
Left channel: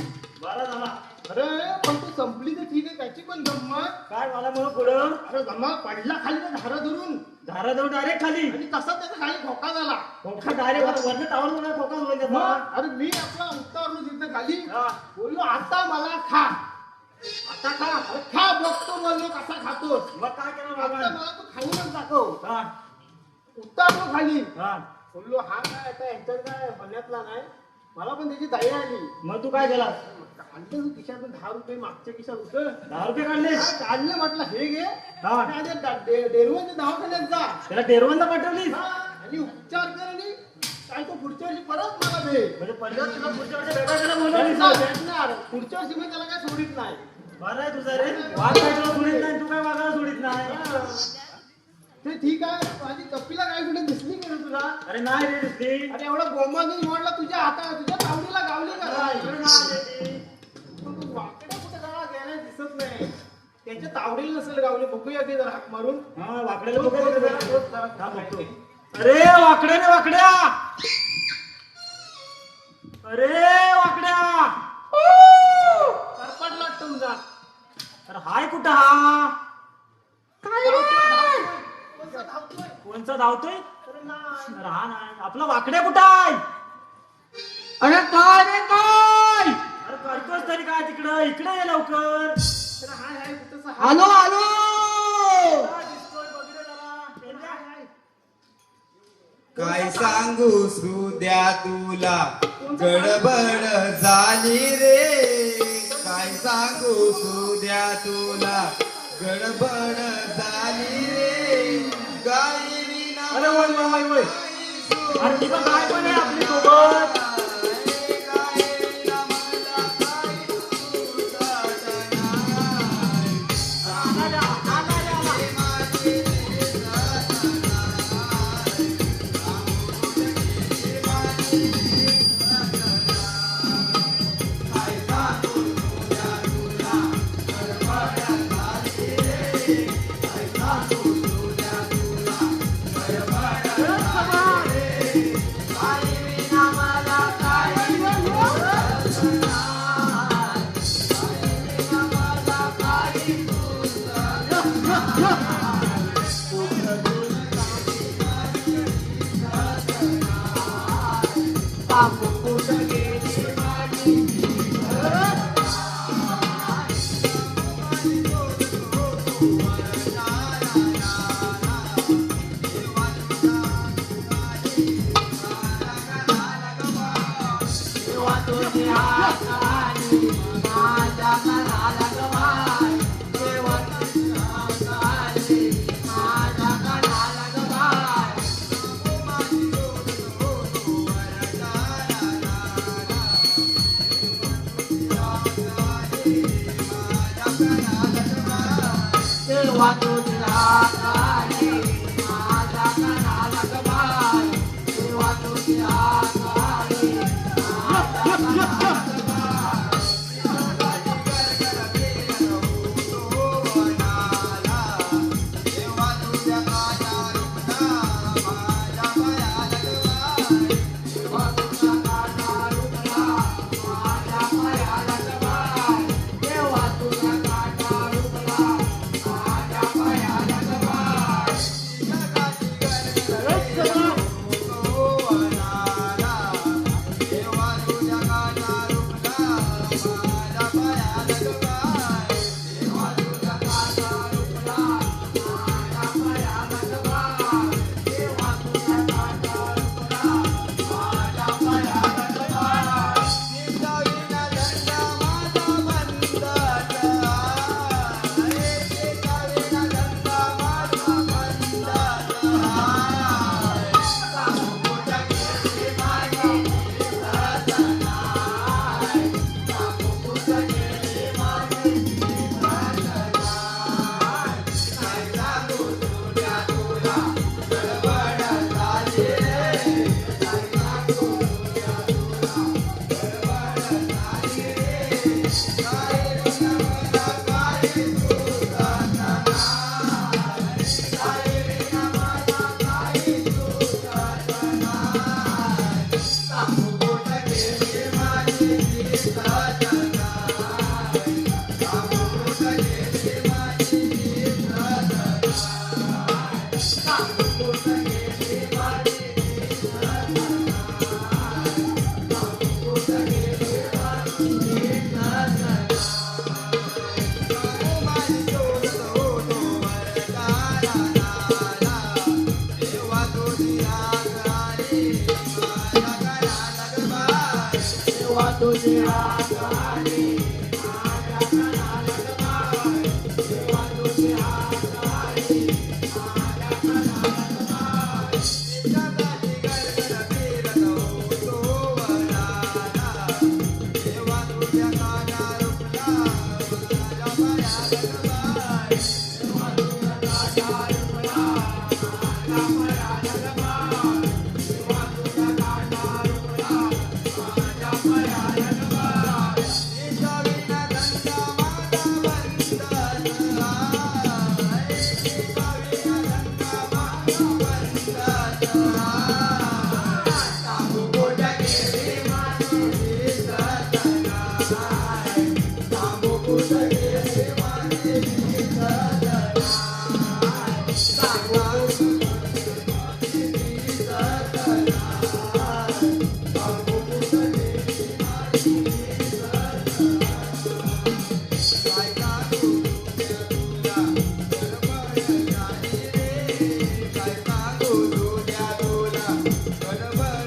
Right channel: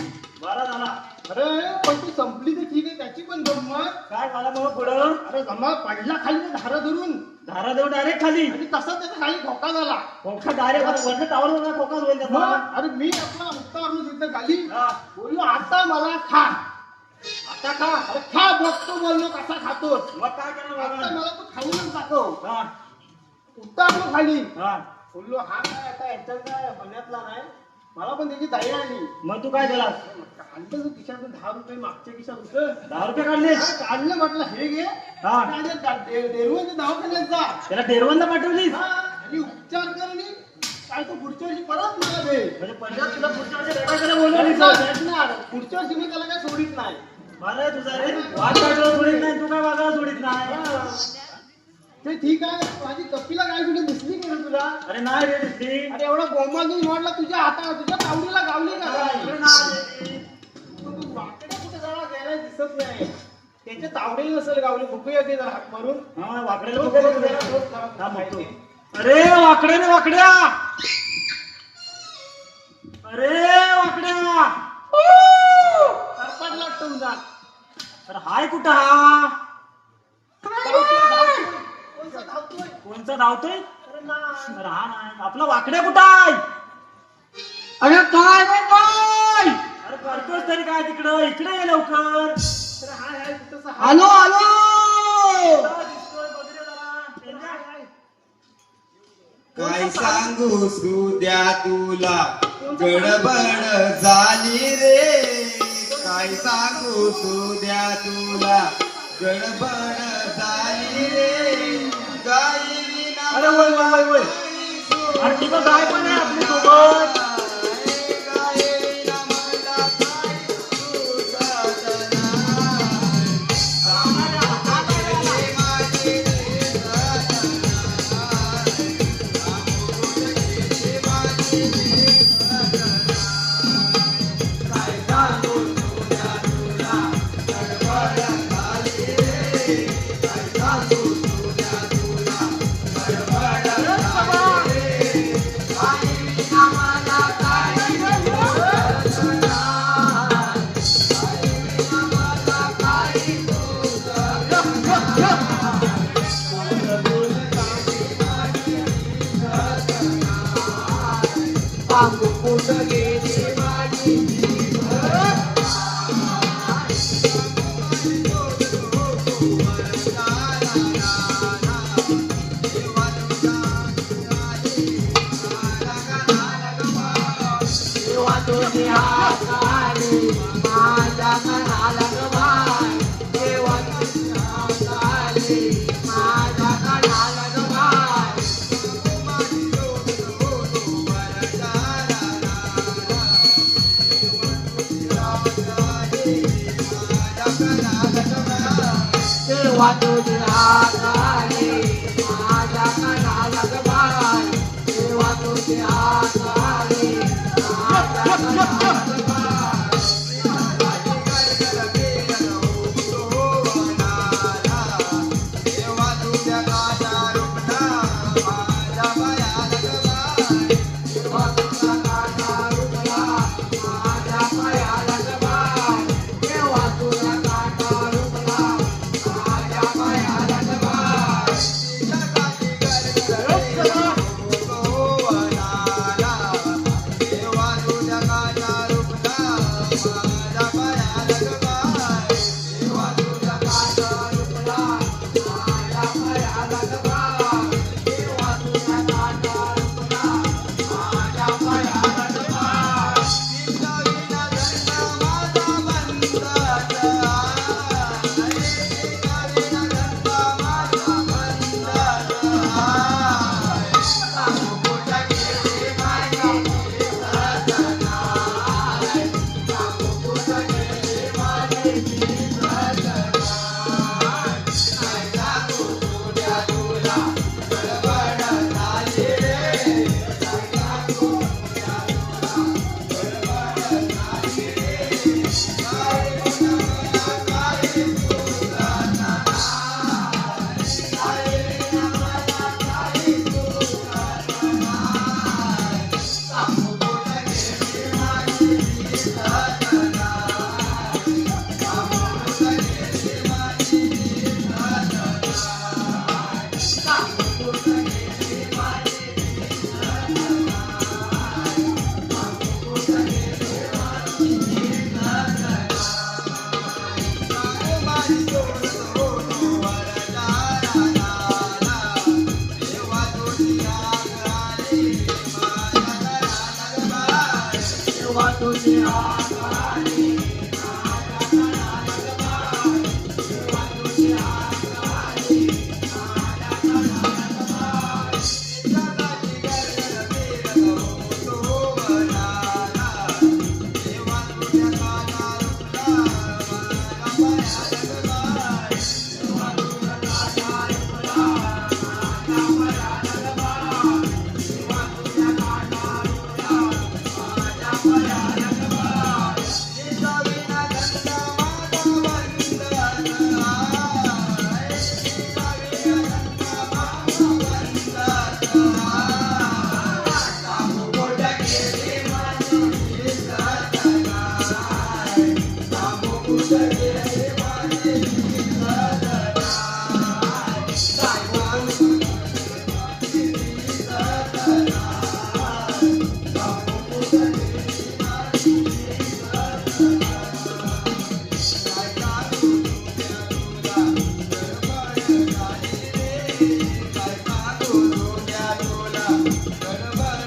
बरा झाला अरे पण ती संपली तर ठीक आहे त्याची पण गंमत काय झालं मग पुढं अरे जमा पडला खाली तर धारा धरून धारा देऊन डायरेक्ट खाली आणि तसा त्याचा खाली धोका झाला फोका डायरेक्ट वरच्या टावर फोकास होईल त्याचा मग अरे मी आपला उत्तावरून तिथं खाली हा. बोललो आता मला खा आता खा अरे खा बघतो बोललो कसा खातोस मग काय केलं आता बाबा मला तू खाऊनच दाखव हा उत्तावलो खाली हा बोललो हा काय आता याच्यात काय मनातला नाही मला पण त्याची दया आली मग तू काय केलास काढलं तू खिशातून 10 रुपये मागच्या खिशात होतं 10 रुपये काढले काढलं म्हटलं हे घे हा. डेरवनच्या दवाखान्यात जा त्याला डेरवनला पाठवलीस हा, आणि उपचार कर आणि काय तो पुढच्या वर्षी परत मला दे म्हणजे पंजाब तुला पुढच्या वर्षी भेटायला त्याला बोलवलं भेटणार पुढच्या वर्षी मी त्याला काय सोडित नाही बरं आहे तुझा रे वाघ काय तुला सोडित नाही तू काय वाघाला सोडित नाही ते ठीक आहे माझी कपिला काय कुठे दिसली की नाही तुला अरे नाही रे दिसली अरे एवढा गोमागून वाढला तुझ्या हाताला तुझ्या तावडीला गावली का अरे काय? नाही तू वाकडे कुठे जवळ गेला दिसत नाही त्याच्या तावडीला नसेल गावली बघूया ते जरा हाक मारून हा वाकडेला बघ थांब, थांब बघतो. अरे वाकड्या रे वाकड्या, अरे वाकड्या, सरपंच वाटतो तुझा. अरे हाय कुठं हा? कोणचा धावतोय? अरे हा नाही, आपला वाकड्या कुठं आहे? अरे काय रे काय? अरे करतोयस तरी काय तिकडं? इकडे ये लवकर. अरे हाय हाय कुठंच हाय. आलो आलो दिसतोय, बघ रे जरा. पेंड्या. काय सांगू सुद्या तुला गडबड झाली रे, काय सांगू सुद्या तुला गडबड झाली रे, गाई विना अरे वय वय वय वय. अरे तिथं काय पण आहे आपली सोबत.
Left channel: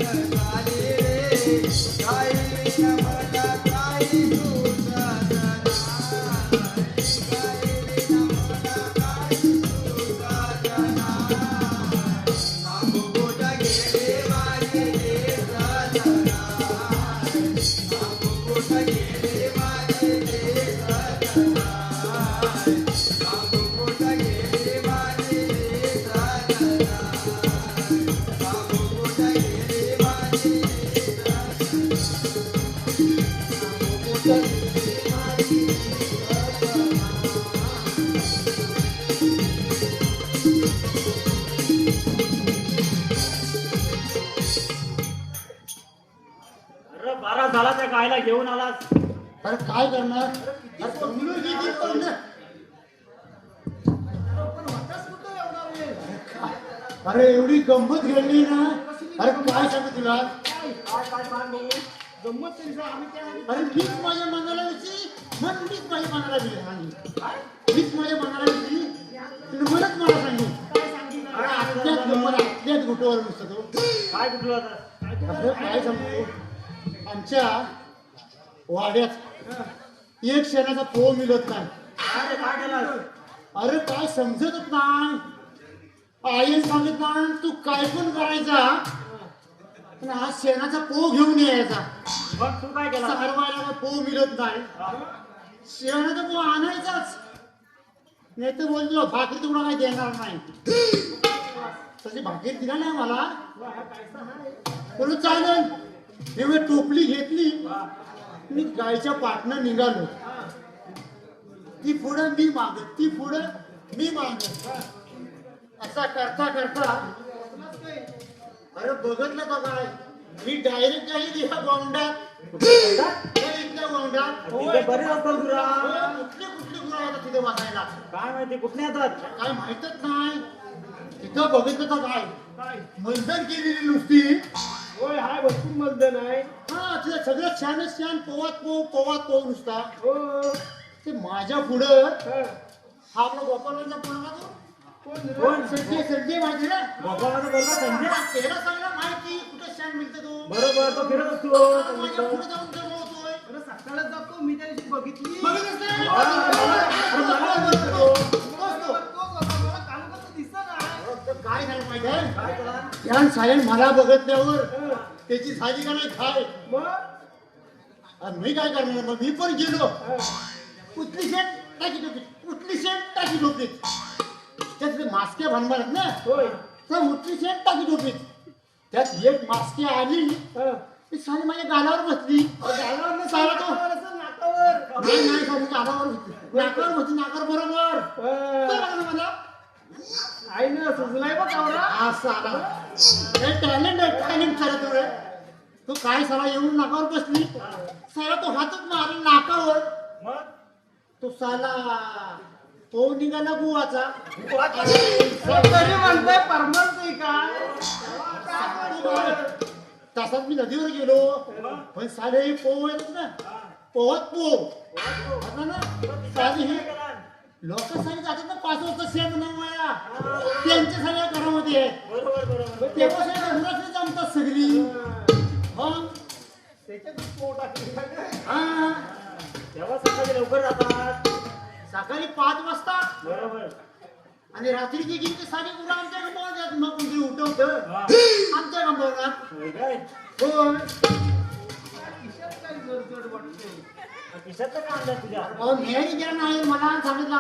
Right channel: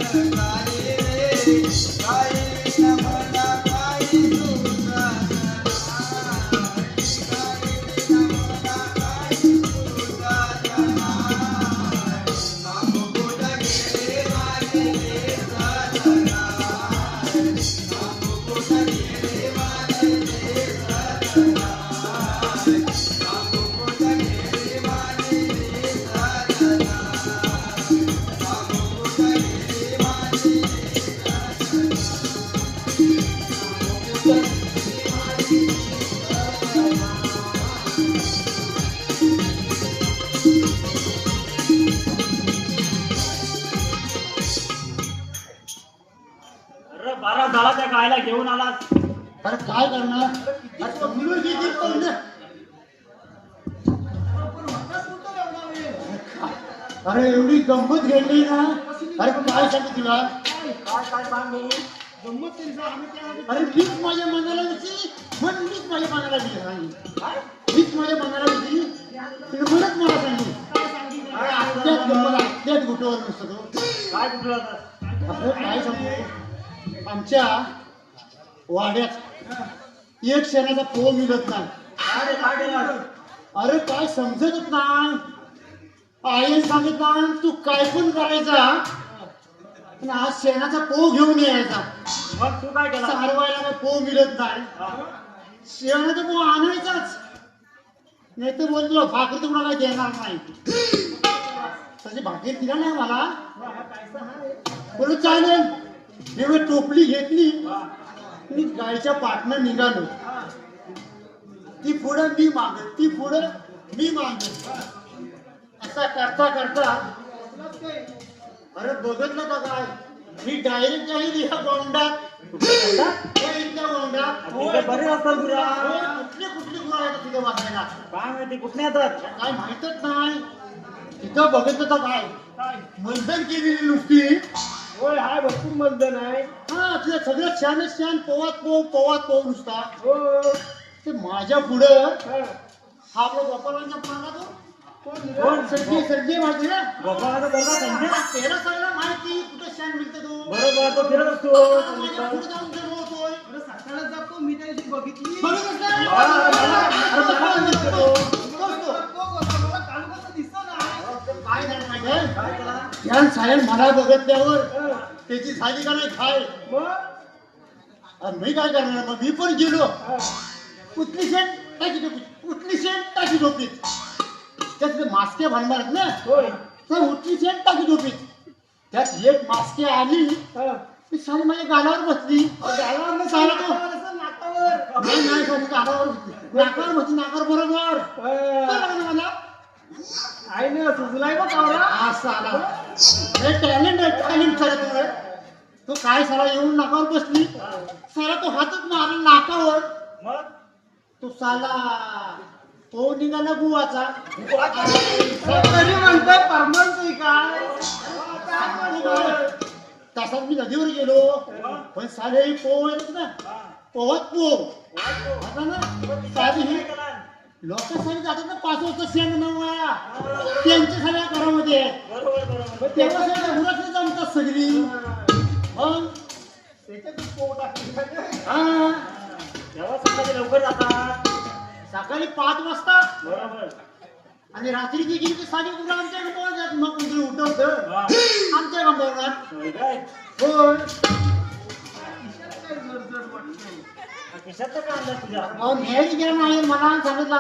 अरे बारा झाला त्या गायला घेऊन आलास. अरे काय करणार अरे समजून किती पाहुणे. अरे एवढी गंमत घडली ना अरे काय सांगू तुला अरे मीच माझ्या मनाला होती पण मीच माझ्या मनाला दिली मीच माझ्या मनाला होती तुम्ही मलाच मला सांगली अरे आपल्याच गुटवर नसतो तो. काय कुठलं होतं? अरे काय सांगू आमच्या वाड्यात एक शेणाचा पोह मिळत नाही. अरे काय केलं? अरे काय समजतच नाही. आईने सांगितलं तू काय पण करायचा पण आज शेणाचा पोह घेऊन यायचा. मग तू काय केलं? सारवायला काय पोह मिळत नाही. शेणाचा पोह आणायचाच नाही तर बोल तुला भाकर तुम्हाला काही देणार नाही. तशी भाकर दिला नाही मला बोलू चालेल एवढी टोपली घेतली मी गायच्या पाटणं निघालो. ती पुढं मी मागत ती पुढं मी मागत असा करता करता अरे बघत ना काय मी डायरेक्ट काही या गोंडात इथल्या गोंडात तिथे बरे असतात गुरा. कुठली कुठली गुरा येतात तिथे वाचायला काय माहिती कुठे येतात? काय माहितच नाही. तिथं बघत होता काय मंथन केलेली नुसती. होय हाय भरपूर मतदान आहे. हा तुझ्या सगळ्यात छानच छान पोवात पोव नुसता. हो ते माझ्या पुढं हा आपला गोपाळांच्या पुढं तो कोण संजय माहिती ना गोपाळाचा बोलता संजय. त्याला सगळं माहिती कुठे शान मिळते तो बरोबर तो फिरत असतो. माझ्या पुढे जाऊन ते बोलतोय. सकाळला जातो मी त्या दिवशी बघितली. बघितलंस ना? अरे मला बोलतो तो. बोलतो. मला काल कसं दिसत नाही. काय झालं माहिती आहे यान सायन मला बघितल्यावर त्याची झाली का नाही खाय मग आणि मी काय करणार मग मी पण गेलो उतली शेण टाकी टोपीत उतली शेण टाकी टोपीत त्यात मास्के भरणार आहेत ना होय तर उतली शेण टाकी टोपीत त्यात एक मास्के आली ती सारी माझ्या गालावर बसली सारा तो नाकावर नाही सारी गालावर बसली नाकावर बसली नाकावर बरोबर काय लागलं मला आईने सुचलाय का कावरा. असं आला हे टॅलेंट आहे टॅलेंट खरं तर तो काय साला येऊन नाकावर बसली साला तो हातच मारला नाकावर मग तो साला तो निघाला गुवाचा तरी म्हणताय परमनंट काय. तसाच मी नदीवर गेलो पण साले ही पोव आहेत ना पोहत पोव आता ना साधी ही लोक सारी जातात ना 5 वाजता शेण नवा त्यांच्या सगळ्या घरामध्ये बरोबर बरोबर. तेव्हा सगळ्या घरात जमतात सगळी मग त्याच्यात पोट टाकली. हा तेव्हा सकाळी लवकर जातात. सकाळी 5 वाजता बरोबर. आणि रात्री ती गेली साडी कुठे आमच्या गावात मग कुठे उठवतं आमच्या गावात होय काय? होय काय जड वाटतंय. खिशात तर काय आणलं तुझ्या? अहो न्यायला गेला नाही मला सांगितलं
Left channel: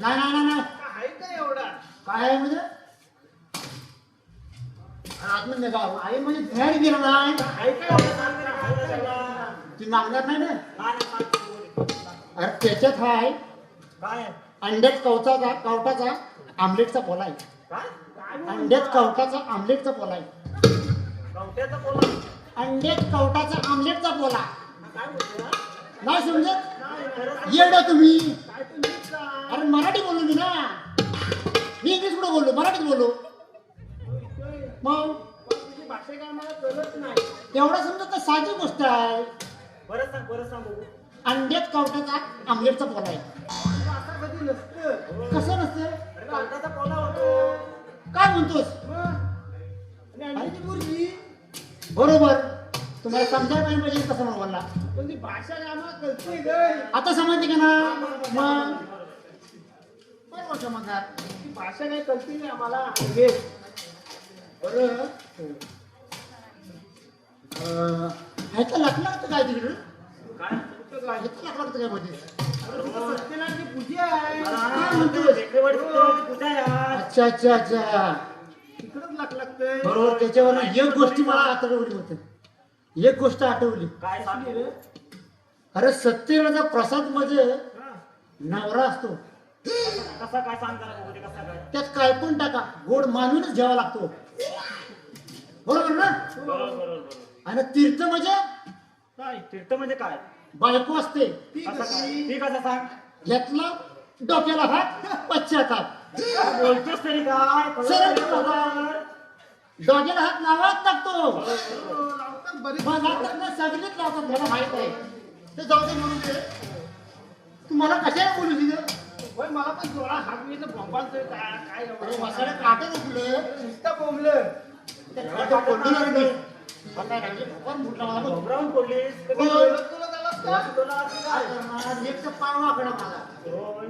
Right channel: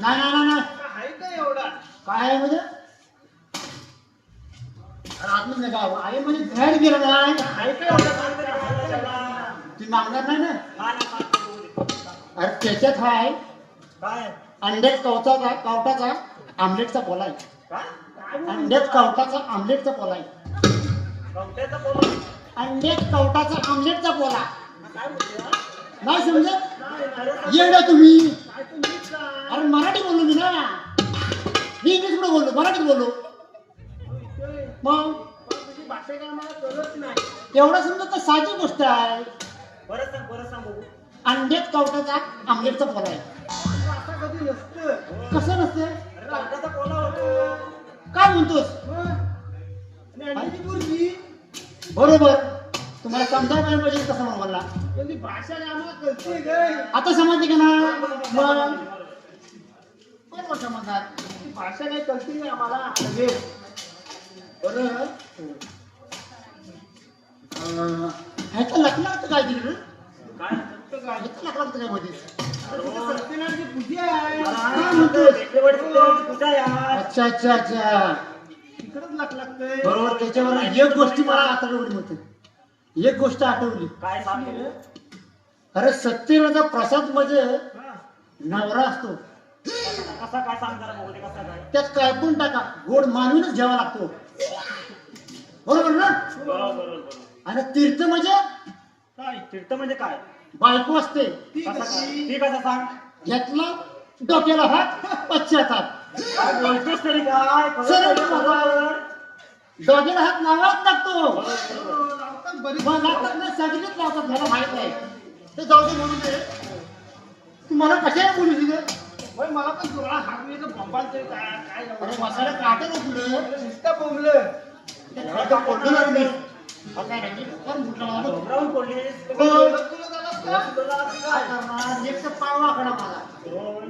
नाही नाही नाही आहे का एवढा. काय आहे म्हणजे आतमध्ये गाव आहे म्हणजे बाहेर गेला नाही काय काय होतं? काय काय काय काय? ती नावणार नाही ना काय नाही. अरे त्याच्यात आहे काय? अंड्यात कवटाचा आमलेटचा पोला आहे काय? अंड्यात कवटाचा आमलेटचा पोला आहे कवट्याचा पोला. अंड्यात कवटाचा आमलेटचा पोला काय बोलतोय ना? नाही समजत नाही, खरं येडा तुम्ही काय तू नीट सांग. अरे मराठी बोललो मी ना मी इंग्लिश मध्ये बोललो मराठीत बोललो मग तुझी भाषा काय मला कळत नाही. एवढा समजा तर साधी गोष्ट आहे परत सांग बघू. अंड्यात कवटाचा आमलेटचा पोला आहे असं कधी नसतं. कसं नसतं अरे कवट्याचा पोला होतो. काय म्हणतोस मग ती मुलगी बरोबर तुम्हाला समजायला काय पाहिजे कसं म्हणून मला पण ती भाषा काय आम्हाला कळते गं. आता समजते की ना मग बरोबर समजणार ती भाषा काही कळते नाही आम्हाला म्हणजे बरोबर ह्याचं लग्न होतं काय तिकडं काय ह्याचं लग्न होतं काय मध्ये सत्यनारायणची पूजा आहे काय म्हणतोस? बेकरीवाडी सत्यवाडी कुठे यार अच्छा अच्छा अच्छा तिकडंच लागतंय बरोबर त्याच्यावर एक गोष्टी मला आठवली होती एक गोष्ट आठवली काय सांगितलं अरे सत्यनाचा प्रसाद म्हणजे नवरा असतो कसा काय सांग जरा बघू दे, कसा काय त्यात काय पण टाका गोड मानूनच घ्यावा लागतो बरोबर ना बरोबर बरोबर आणि तीर्थ म्हणजे काय तीर्थ म्हणजे काय बायको असते ती कसा सांग यातला डोक्याला हात पश्चाताप काय बोलतोस तरी काय सरळ बरोबर. डोक्याला हात नावाच टाकतो मग लावतात ना सगळेच लावतात मला माहित आहे ते जाऊ दे म्हणून ते तू मला कशाला बोलू तिथं होय, मला पण डोळा हागलीचं भंबालतोय काय काय अरे मसाला काटत उठलं नुसतं बोंबलं ते खरं पडलं लागले काय राहिली? कोण फुटलं मला बघ. उतरावून बोललीस कोण? तुला झालं असतं? काय करणार? एक तर पाय वाकडा मला होय.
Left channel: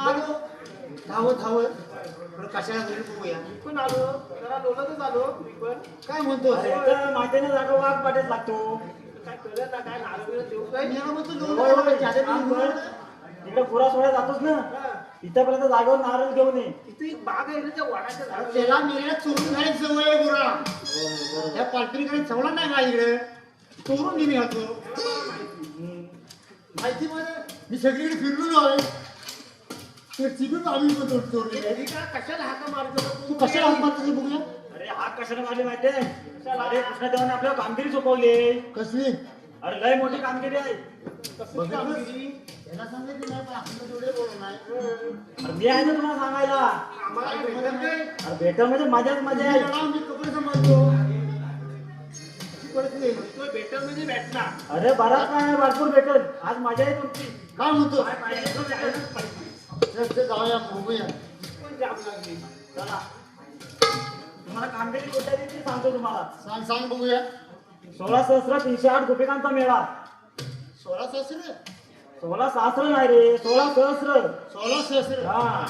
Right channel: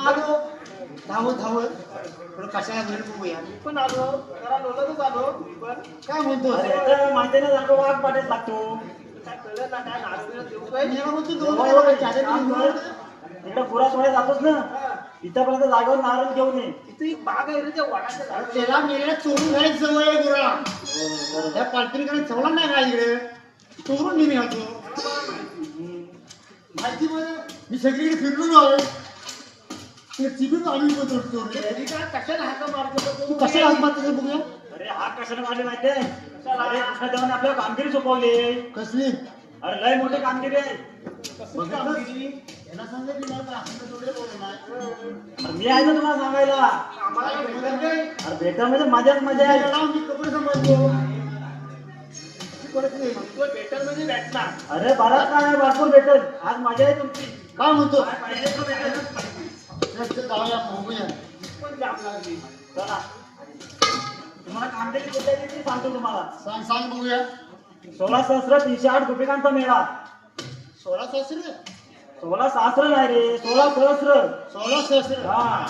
आलो धावत धावत थोडं कशाला वेळ बघूया मी पण आलो जरा लोलतच आलो मी पण काय म्हणतो अरे तर माहिती नाही जागा वाघ पाठच लागतो काय कळलं ना काय नारळ देऊ काय मी म्हणतो दोन वेळा त्याच्या काम घरी कर. इकडं पुरा सोडे जातोस ना इथपर्यंत जागेवर नारळ घेऊन ये इथे एक बाग आहे रे त्या वडाच्या अरे झाडाची. त्याला मेलेला चोरून घ्यायच जवळ आहे गुरा त्या पालखीकडे ठेवला नाही का इकडे चोरून घेणे होतो माहिती म्हणजे मी सगळीकडे फिरलो आलोय तिकडून आम्ही बोलतो चोरून तरी काय कशाला हाका मारतो तू कशाला हात मारतो ते बघूया अरे हात कशाने मारले माहितीये अरे कृष्णदेवाने आपल्याला कामगिरी सोपवली कसली अरे लय मोठी कामगिरी आहे कसली कामगिरी त्याला सांगितलं नाही पण आपण तर थोडे बोलत नाही अरे मी आहे ना तुला सांगायला आम्हाला भेटत नाही अरे भेटा म्हणजे मजाच मजा आहे त्याला मी कपडे समजतो परत नाही तो भेटल म्हणजे भेटणार अरे बराच काय भरपूर भेटत आज मजा आहे तुमची काय म्हणतो काय पाहिजे ते भेटेल. चल जाऊया बघूया पण जाम लागली चला तुम्हाला कामगिरी कुठे आहे ते सांगतो तुम्हाला सांग सांग बघूया 16,308 गोपिकांचा मेळा 16 सहस्र 16 सहस्र नाही रे 16 सहस्र 16 सहस्र हा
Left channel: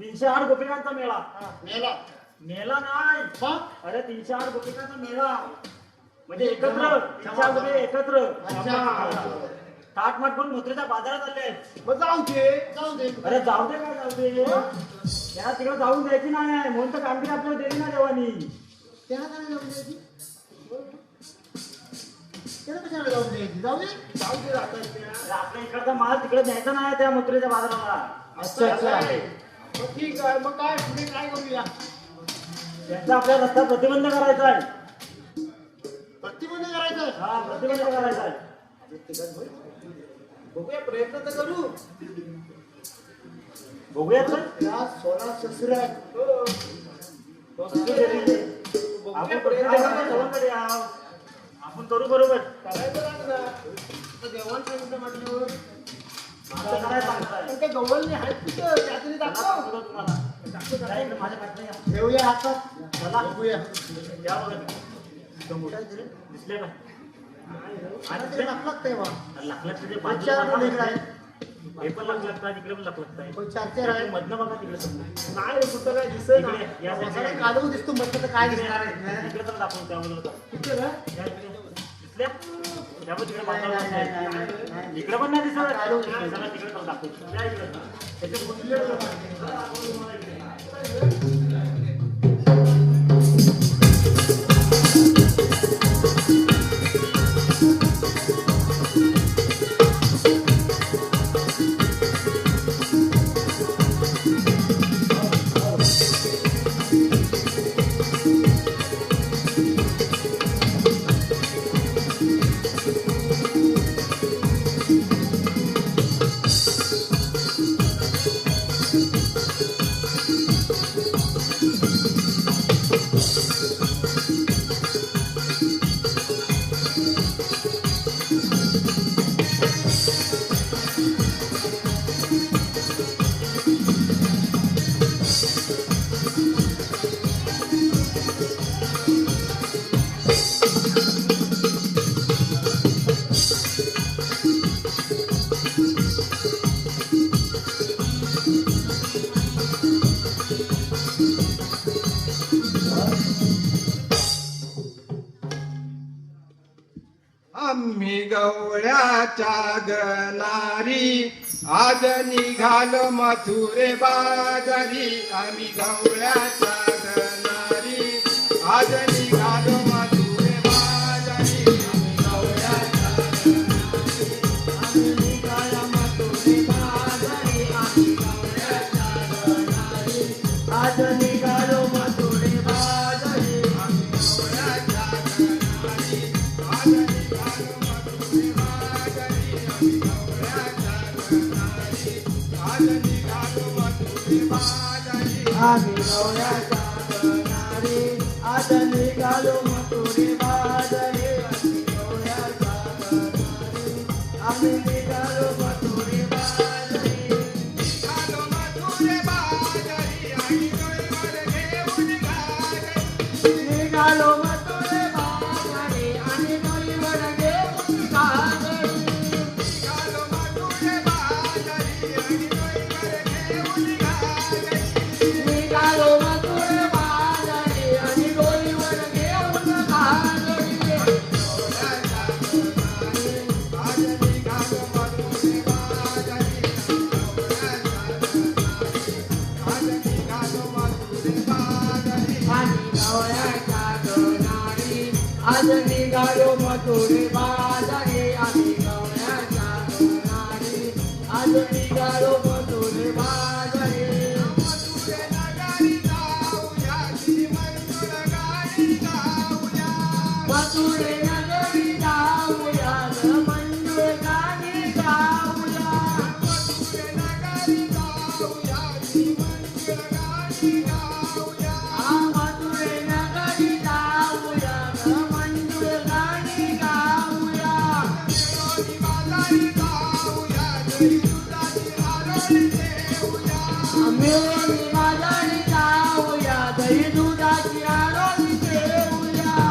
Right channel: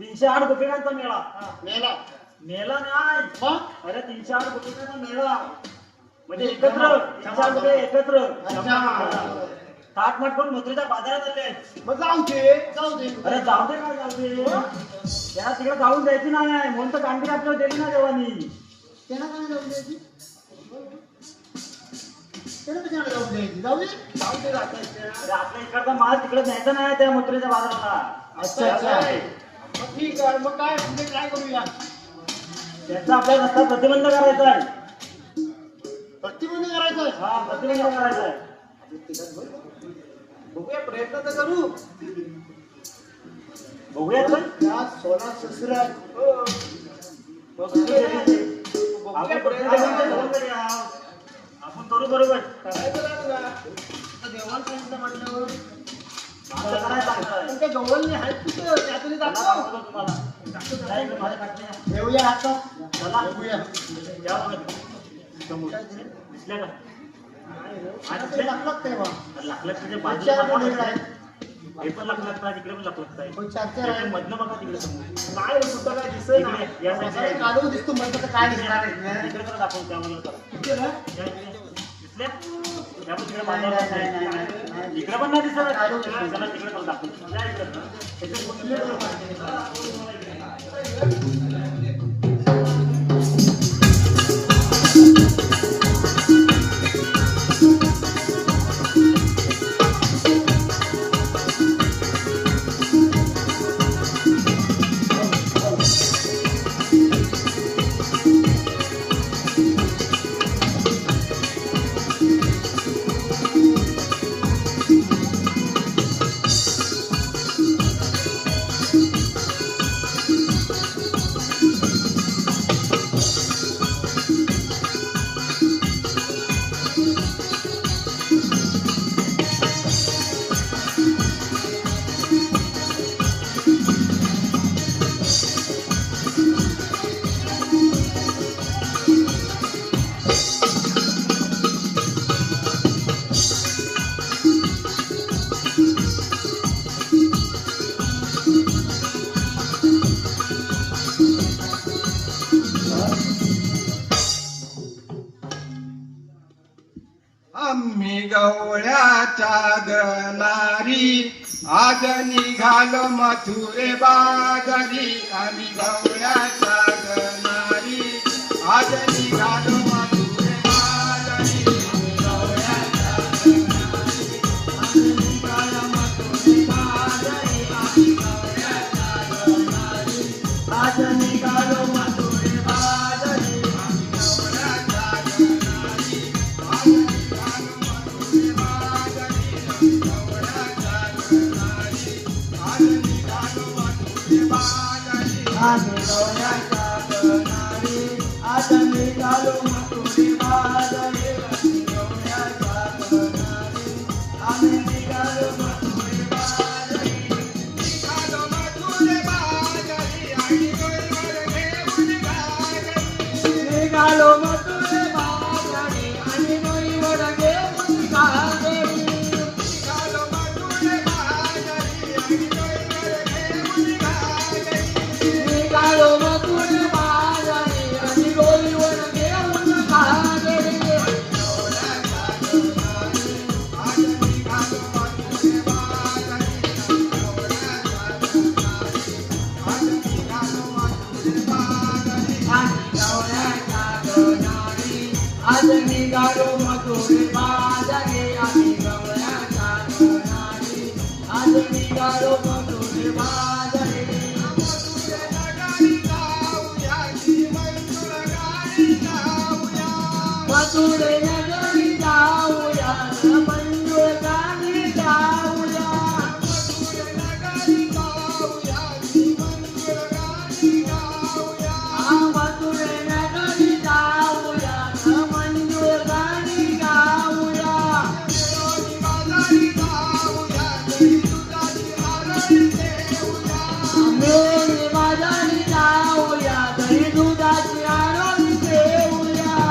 308 गोपिकांचा मेळा मेला मेला नाही हा अरे 308 गोपिकांचा मेळा म्हणजे एकत्र 308 गोपी एकत्र अच्छा ताटमाट करून मथुरेच्या बाजारात आले मग जाऊ दे जाऊ दे अरे जाऊ दे काय जाऊ दे त्याला तिकडे जाऊन द्यायची नाही म्हणून तर कामगिरी आपल्याला दिली ना देवानी त्याला काय जाऊ द्यायची त्याला कशाला जाऊ द्यायची जाऊ दे जाऊ दे राहता अरे आपल्या इकडचा माल तिकडे द्यायचा नाही त्या मथुरेच्या बाजाराला अच्छा अच्छा मग ठीक आहे मग काय पुढे काय करूया त्यांचा आपल्या रस्ता प्रतिबंध करायचा आहे प्रतिबंध करायचं हा प्रतिबंध करायचा आहे बघूया प्रयत्न तर करू बघूया तर त्या 16 सहस्र आहे. हो बघूया बघूया प्रयत्न करू. आपण करू बरोबर करायचं लागणार आता देवाला प्रयत्न म्हटल्यावर आम्हाला काय सांगताय? पण त्या गव्हाळने आहेत कुठं त्यातून दाखव दाखवतो तुम्हाला. या इकडे माझ्या पाठीला या. ठेवूया हातात चला. बघूया या बरं. दिसल्या का? आता ते लागत नाही बा लागलं तुझे चार बाजूला लेकर आहेत. हे पण लागलं आहे तिकडे पण लागलं आहे पण चार त्याच्या मधनं बघा तिकडे पण. नाही रे, कुठं काय दिसत इकडे या साईडला काढून दिसतो म्हणतो तर काय दिसणार आहे इकडे तर दाखवून त्या मला आता. कुठं काय या इकडे. दिसल्या? या पण तिकडे बाजूला आहे. इकडे पण नाही दिसत चला तिकडे पण दाखवू या इकडे. गवळ्याच्या गनारी आज निघालो मथुरे बाजारी आम्ही गवळ्याच्या गनारी आज निघालो मथुरे बाजारी आज निघालो मथुरे बाजारी आज निघालो मथुरे बाजारी आम्ही निघालो मथुरे बाजारी निघालो मथुरे बाजारी आणि डोईवर घेऊन गाजरी निघालो मथुरे बाजारी आणि डोईवर घेऊन गाजरी आज निघालो मथुरे बाजारी आम्ही गवळ्याच्या गनारी आज निघालो मथुरे बाजारी मथुरे नगरी जाऊया मंजुळ गाणी गाऊया मथुरे नगरी जाऊया मंजुळ गाणी गाऊया मिळून माझारी जाऊया दही दुधाची आरती देऊया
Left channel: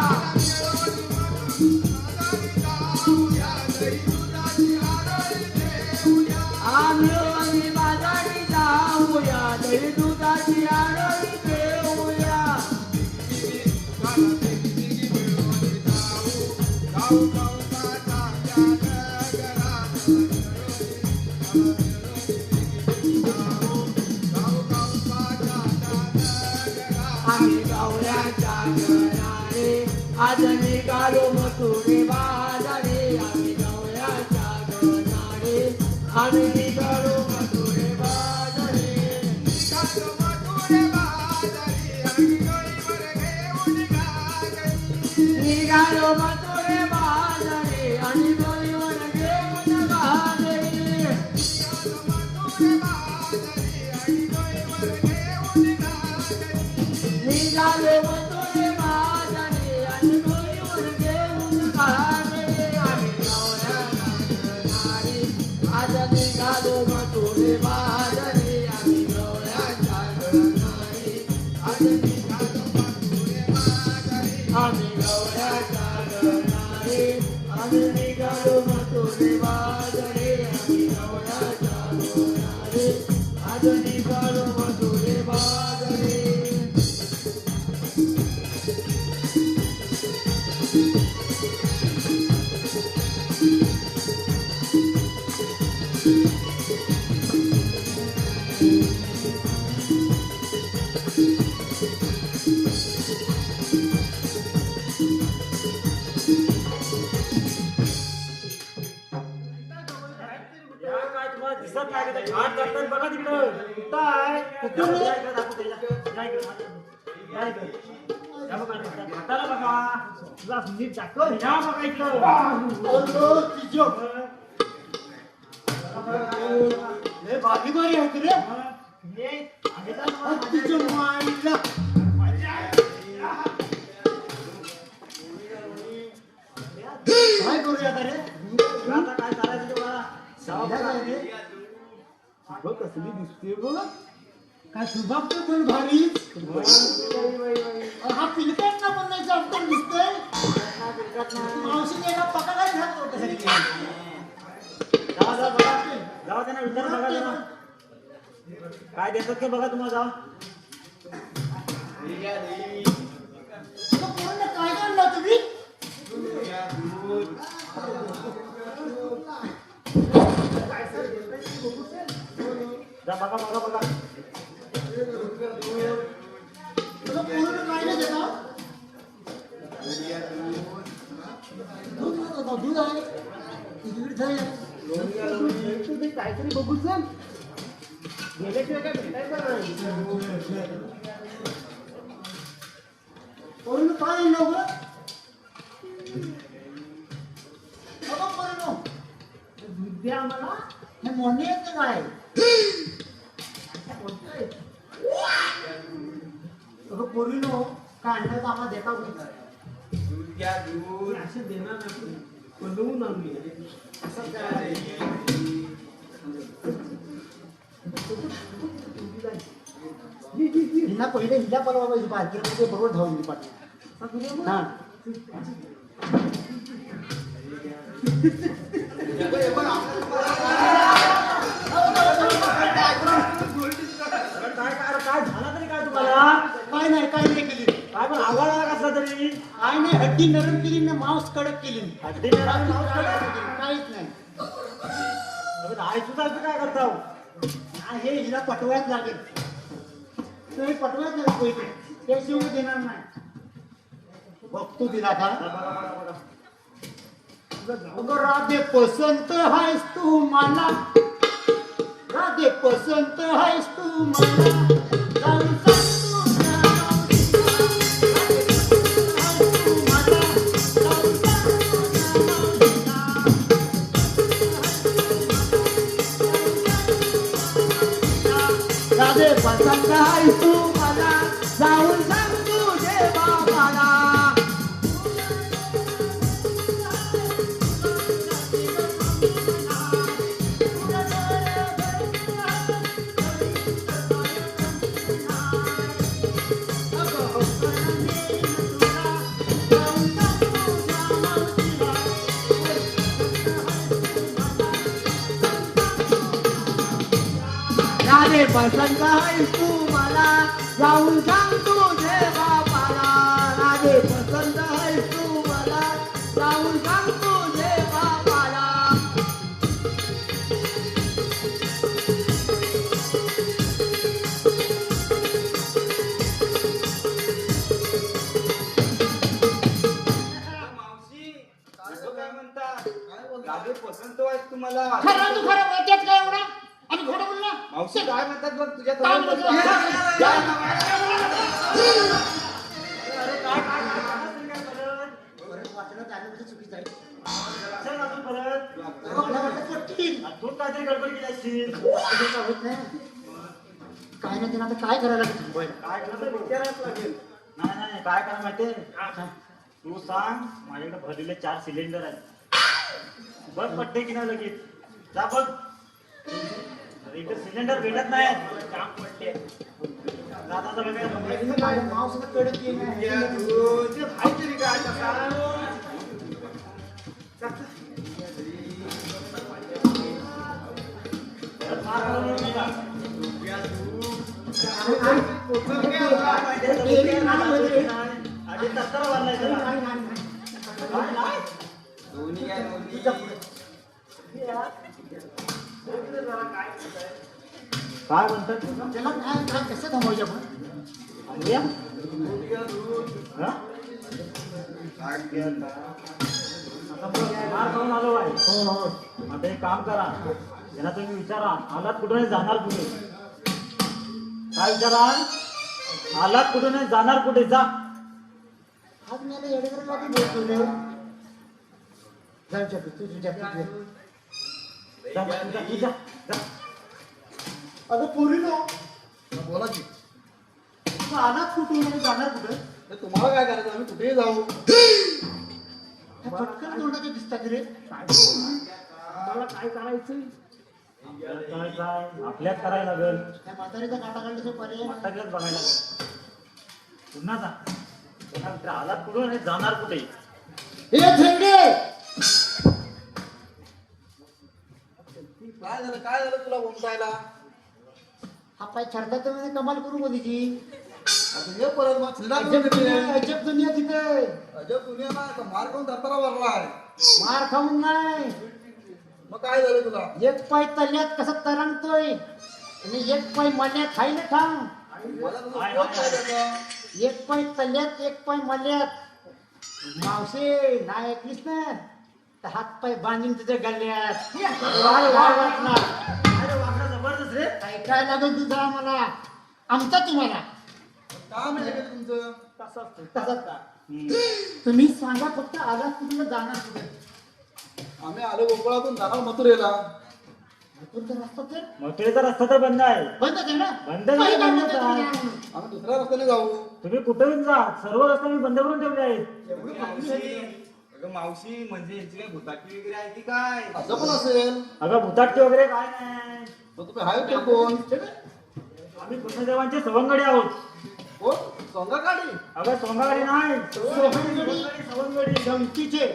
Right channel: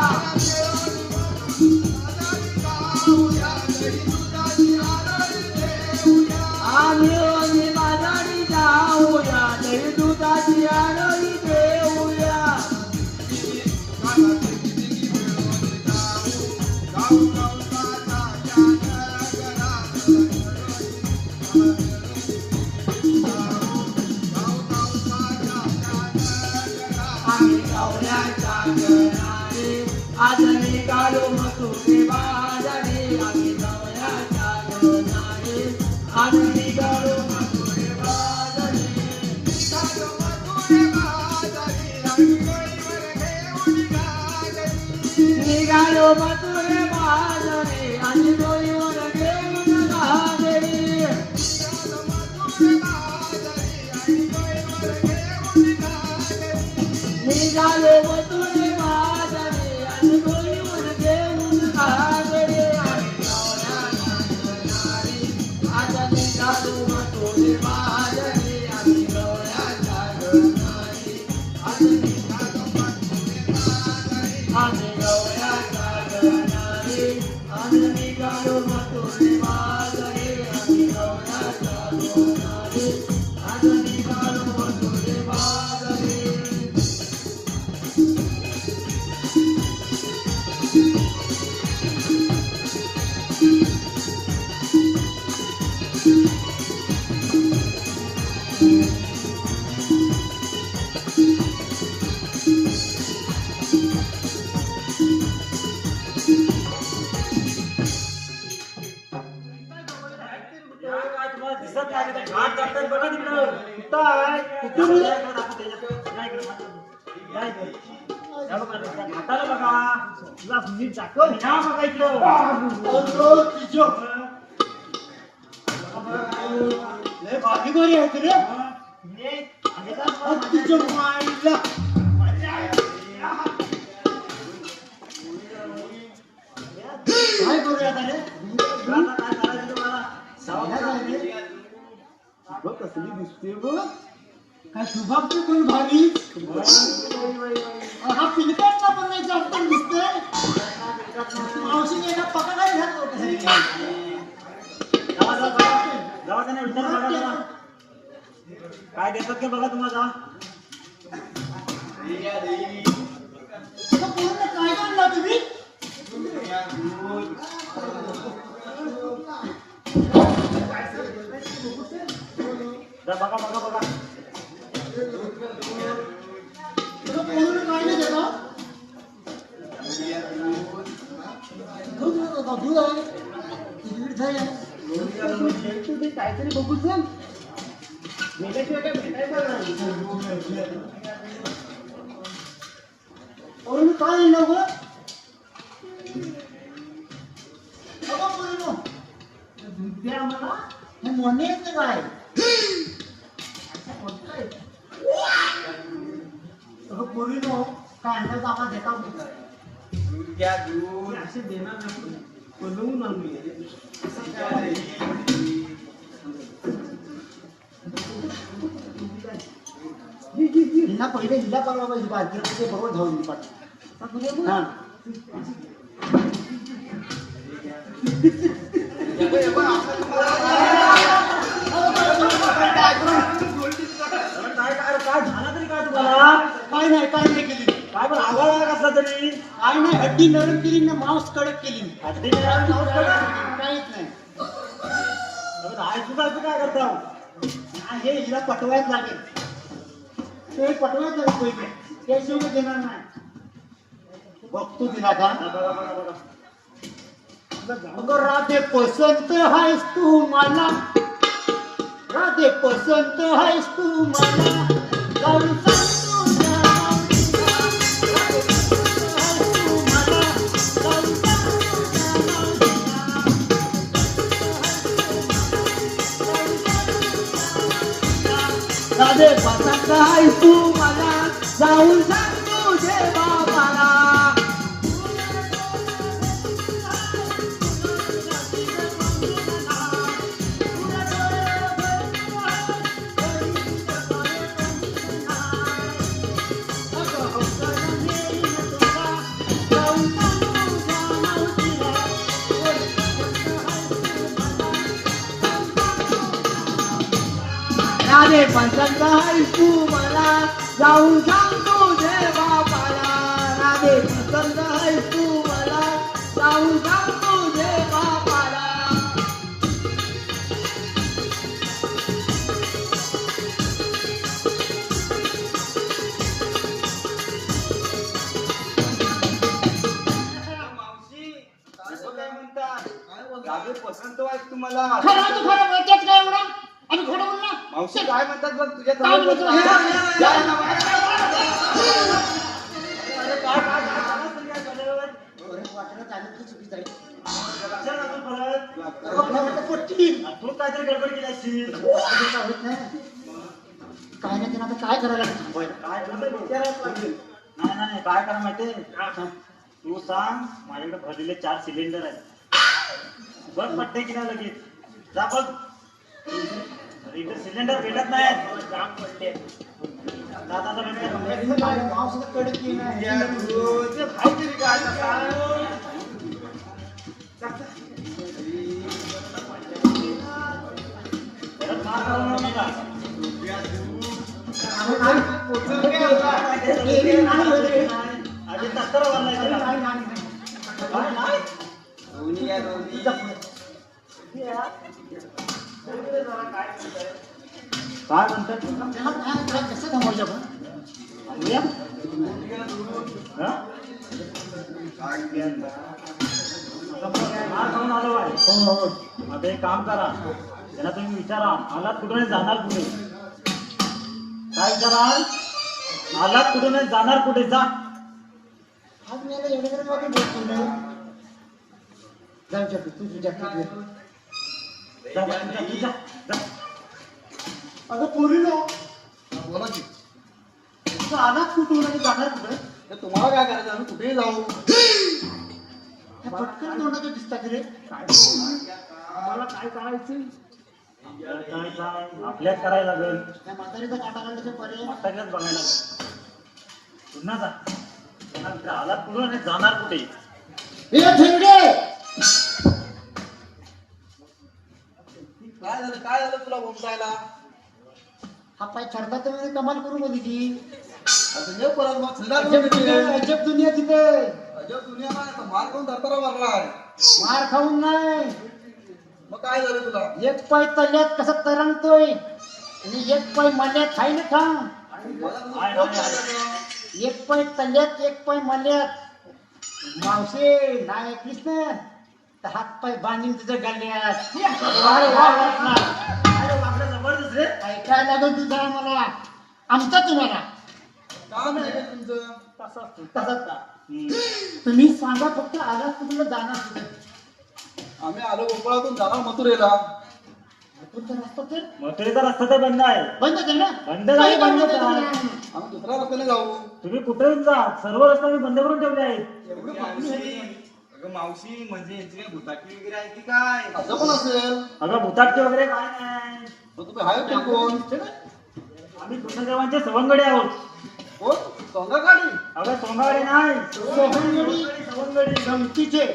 मिळून माझारी जाऊया दही दुधाची आरती देऊया आम्ही गवळ्याच्या गनारी आज निघालो मथुरे बाजारी आम्ही गवळ्याच्या गनारी आज निघालो मथुरे बाजारी निघालो मथुरे बाजारी आणि डोईवर घेऊन गाजरी निघालो मथुरे बाजारी आणि डोईवर घेऊन गाजरी आम्ही गवळ्याच्या गनारी आज निघालो मथुरे बाजारी आम्ही गवळ्याच्या गनारी आज निघालो मथुरे बाजारी आम्ही गवळ्याच्या गनारी आज निघालो मथुरे बाजारी आम्ही गवळ्याच्या गनारी आज निघालो मथुरे बाजारी काय तुम्हाला दिसत नाही का? ते घाट जाताना बघा तिकडं. कुठं आहे? कुठं आहे? नाही इकडं दाखवते. नाही इकडं. नाही इकडं. या बघा, त्या घाटाला बघा. तुला नीट दाखव. या बघा इकडं. लय भागीदारी आहे रे हे आहे का? तिच्या माईला काय करूया आता रे आता काय करायचं ते मला? काय झालं रे? अगं कसली दिसते बघ काय सुभागची कोण भारी हा पिलकांना पण नाही जास्त दिसतंय मावशी गेला पकडा घात जावा त्यांना विचार बघा जरा. काय देतात ते बघा तुम्हाला. पूर्ण काय आणला तुम्ही दूध आहे तिकीट जाय तुम्ही काहीतरी बघू चल गेल्याशिवाय काय भेटायचं नाही. अरुण काय येईल गो दूध द्या मला हे मोने येतं काय पोरीनो काय आणलं आम्हाला देता होता दूध घ्या दूध. असे देणार नाही बोलवून आणली असं काय हिला पहिले हिला परवा पाहिजे बाजूला बरोबर धावून पाठ हा काय झालं तरी काय तुम्हाला काय नाही काय नाही केली काय पण आवाज कसला तरी काय नाही हड्डी नरम केली ना मांस कडक केली हड्डी नरम, मांस कडक. काहीच नाही सुद्धा काय करता हे हिला पटवायच लागेल ते पटवायच लागेल पैसे त्याशिवाय देणार नाही बघतो तिला का अगं राधे पसंत आहेस तू मला राधे पसंत आहेस तू मला जाऊन सांग तुझ्या राधे पसंत आहेस तू मला जाऊन सांग तुझे बाबाला राधे पसंत आहेस तू मला जाऊन सांग तुझे बाबाला राधे पसंत आहेस तू मला जाऊन सांग तुझे बाबाला मावशी असं काय म्हणतात दादू पसंत आहे तुम्हाला. खरं तू खरं बोलतेस काय एवढा आणि खरं बोलला मावशी काय म्हणतात बघ तुझ्या काय जवळ बोलतो? परत वाटलं झालं तर चुकीचं आहे. मला वाटलं पटतील. तू काहीतरी गडबड केली असशील असं होत नाही. काय नाही तिला आता काय करायला लागेल थांबवायला? काय करतो विचारायला लागेल. नाही नाही काय करा माहितीये तू सांग माझ्याकडे भरलेले 4 सिलेंडर आहेत बघ पट्टे की नाही लगेच जा बघ अरे इकडे सिलेंडर भेटत नाही मांस कडक केली. घ्या दूध. ते काहीतरी काय आता. अरे तत्तर वाढलाय त्याला. दोन्ही घ्या दोन्ही. काय म्हणतात त्याला काय कसं थांबवायचं आपण? आणूया? हा? हो हो आता एक काम करा त्याला तुम्ही विचारा आलात कुठून जाणार कुठे काय विचारा आलात कुठून जाणार कुठे जा आज मी आता एवढं मध्ये बोलतो रे. जाऊ शकतो तू तुझ्या जा, जा, जा, जा, जा. अगं पोरीनो बोला की तुझं अनाथ कुठून आणि जाणार कुठं तर तुम्हाला काय करायचं आम्ही कुठेही जाऊ. ह्या पटकन तोंडाचं दिसतात रे मला काय करायचं काय जा, आपल्याच करायला लागेल त्या म्हातारीचा काटा काढण्याचे पर्याय सगळंच बघायला लागेल पुन्हा जा पुन्हा आलात कुठून आणि जाणार कुठे हे झेंडे काय झालं तुला उमटायला. हा पाय छरता तर मी कमाल करू मध्ये की आता ये परत मग संध्याकाळी अजब भेटू. दुनिया अजब दुनिया तिथे अजब दुनिया नाही आता मार कोण धरताना मारलाय. मार खाऊन नाही मग काय झालं तुला. एक पाय तल्यात कसं तरंगतोय आणि एक पाय मल्यात खाई ना खा मला तुझं पोट काय झालं? एक पाय तल्यात एक पाय मल्यात मावशे नाही ऐकलीस ना तर हात पाय बांधून तुझ्या गल्ल्यात अरे बापरे, जबरदस्त रे. काय लागेल तू जरा मला आमचा तुम्हाला काम आहे का तुमचं? तसंच का? तुम्ही सांगा फक्त आला तुम्हाला जाणार कुठे आम्ही आलो गोकुळातून जाणार मथुरेला. तुमचा रस्ता तर मथुरेचा रस्ता तर बंद आहे. बंद कर ना बंद नाही, काही बंद करा. आम्ही दुसऱ्या रस्त्याने जाऊ. तुम्ही कुठेही जा, सर्व रस्ते मी बंद करून ठेवले आहेत. अगं मावशी म्हणजे यांची काय भुताटकी वगैरे आहे की काय? असं पण असेल. अगं भूताटके वगैरे काय नाही. मग तुम्ही हाय पण कोण? आम्ही कृष्णदेवांचे सवंगडी आहोत. कोण? सोंगाकाठी? अगं सोंगाडी नाही, सवंगडी. सवंगडी. गमतीचे